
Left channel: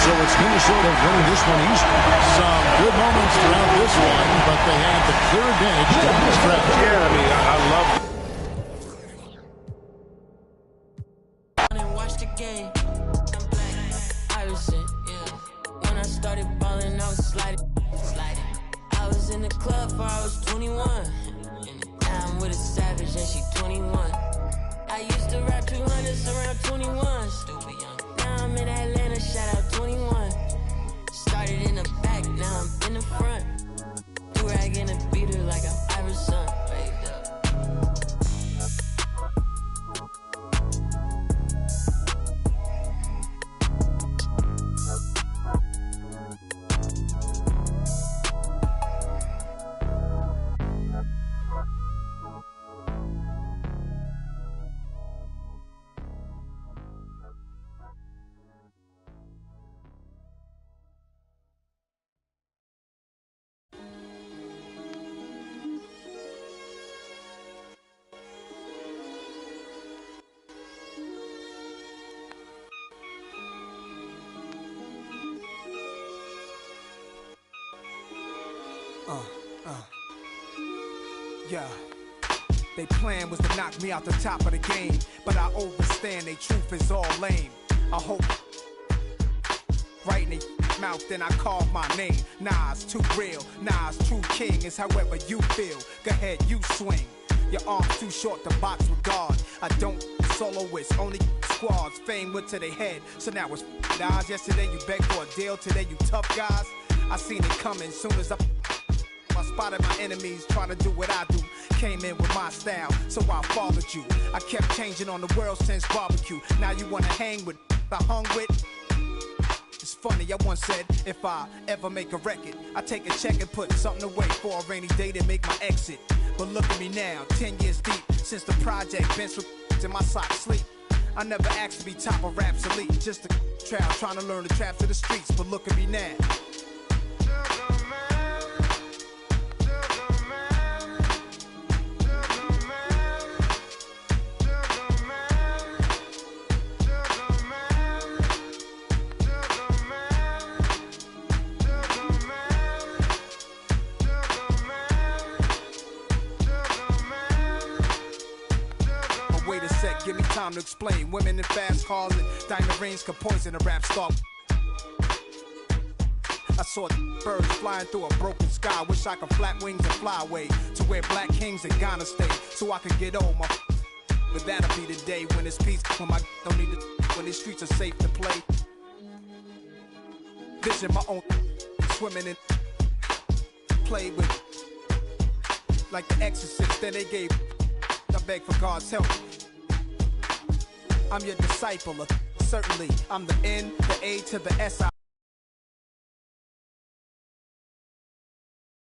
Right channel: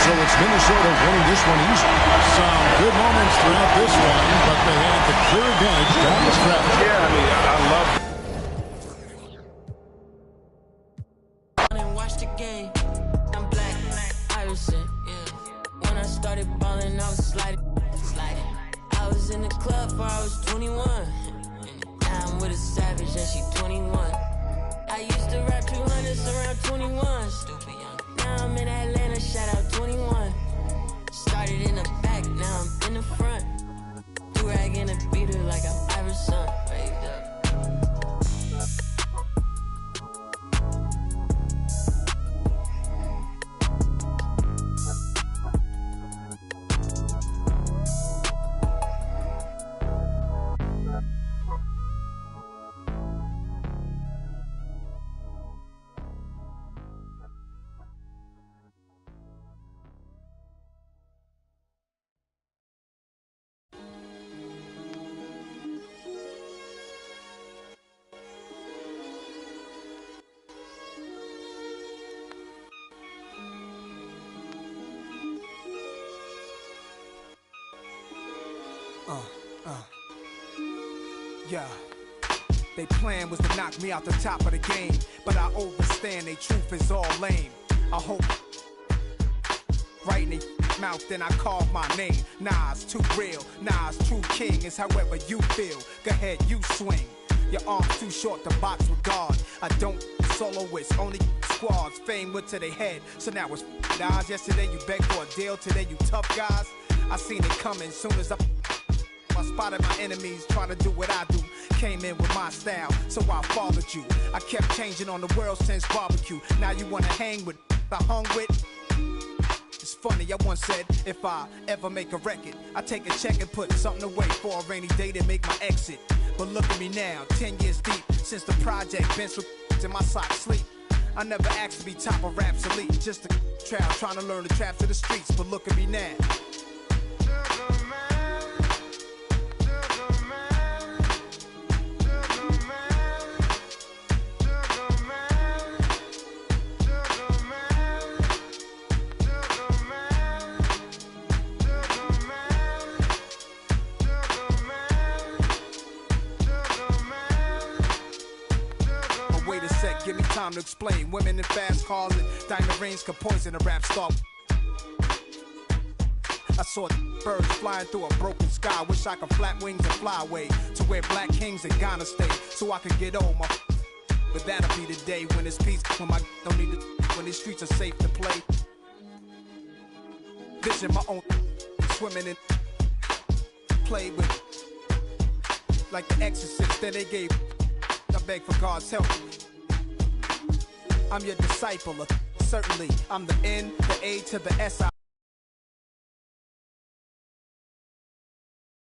So it's Minnesota winning this one easily. Some good moments throughout this one, but they had the clear advantage down the stretch. Yeah, I mean, I love Watch the game. I'm black, Iverson, yeah. When I started balling, I was sliding. I was in the club before I was 21. And now I'm with a savage and she 21. I used to rap 200s around 21. Stupid young. Now I'm in Atlanta, shout out 21. Started in the back, now I'm in the front. Do-rag in a beater like I'm Iverson. Waved up. Yeah. They plan was to knock me out the top of the game, but I overstand they truth is all lame. I hope right in their mouth, then I carve my name. Nas too real, Nas true king is however you feel. Go ahead, you swing. Your arms too short to box with God. I don't soloists, only squads. Fame went to their head, so now it's Nas. Yesterday you begged for a deal, today you tough guys. I seen it coming soon as I spotted my enemies trying to do what I do. Came in with my style, so I followed you. I kept changing on the world since barbecue. Now you wanna hang with I hung with. It's funny, I once said, if I ever make a record, I take a check and put something away for a rainy day to make my exit. But look at me now, 10 years deep, since the project bench with in my socks sleep. I never asked to be top of Rap's elite, just a trial trying to learn the traps of the streets. But look at me now. Give me time to explain. Women in fast cars and diamond rings can poison a rap star. I saw birds flying through a broken sky. Wish I could flap wings and fly away to where black kings in Ghana stay, so I could get old. But that'll be the day when it's peace, when my don't need to, when these streets are safe to play. Vision my own, swimming and play with like the Exorcist. Then they gave. I beg for God's help. I'm your disciple, certainly. I'm the N, the A to the S.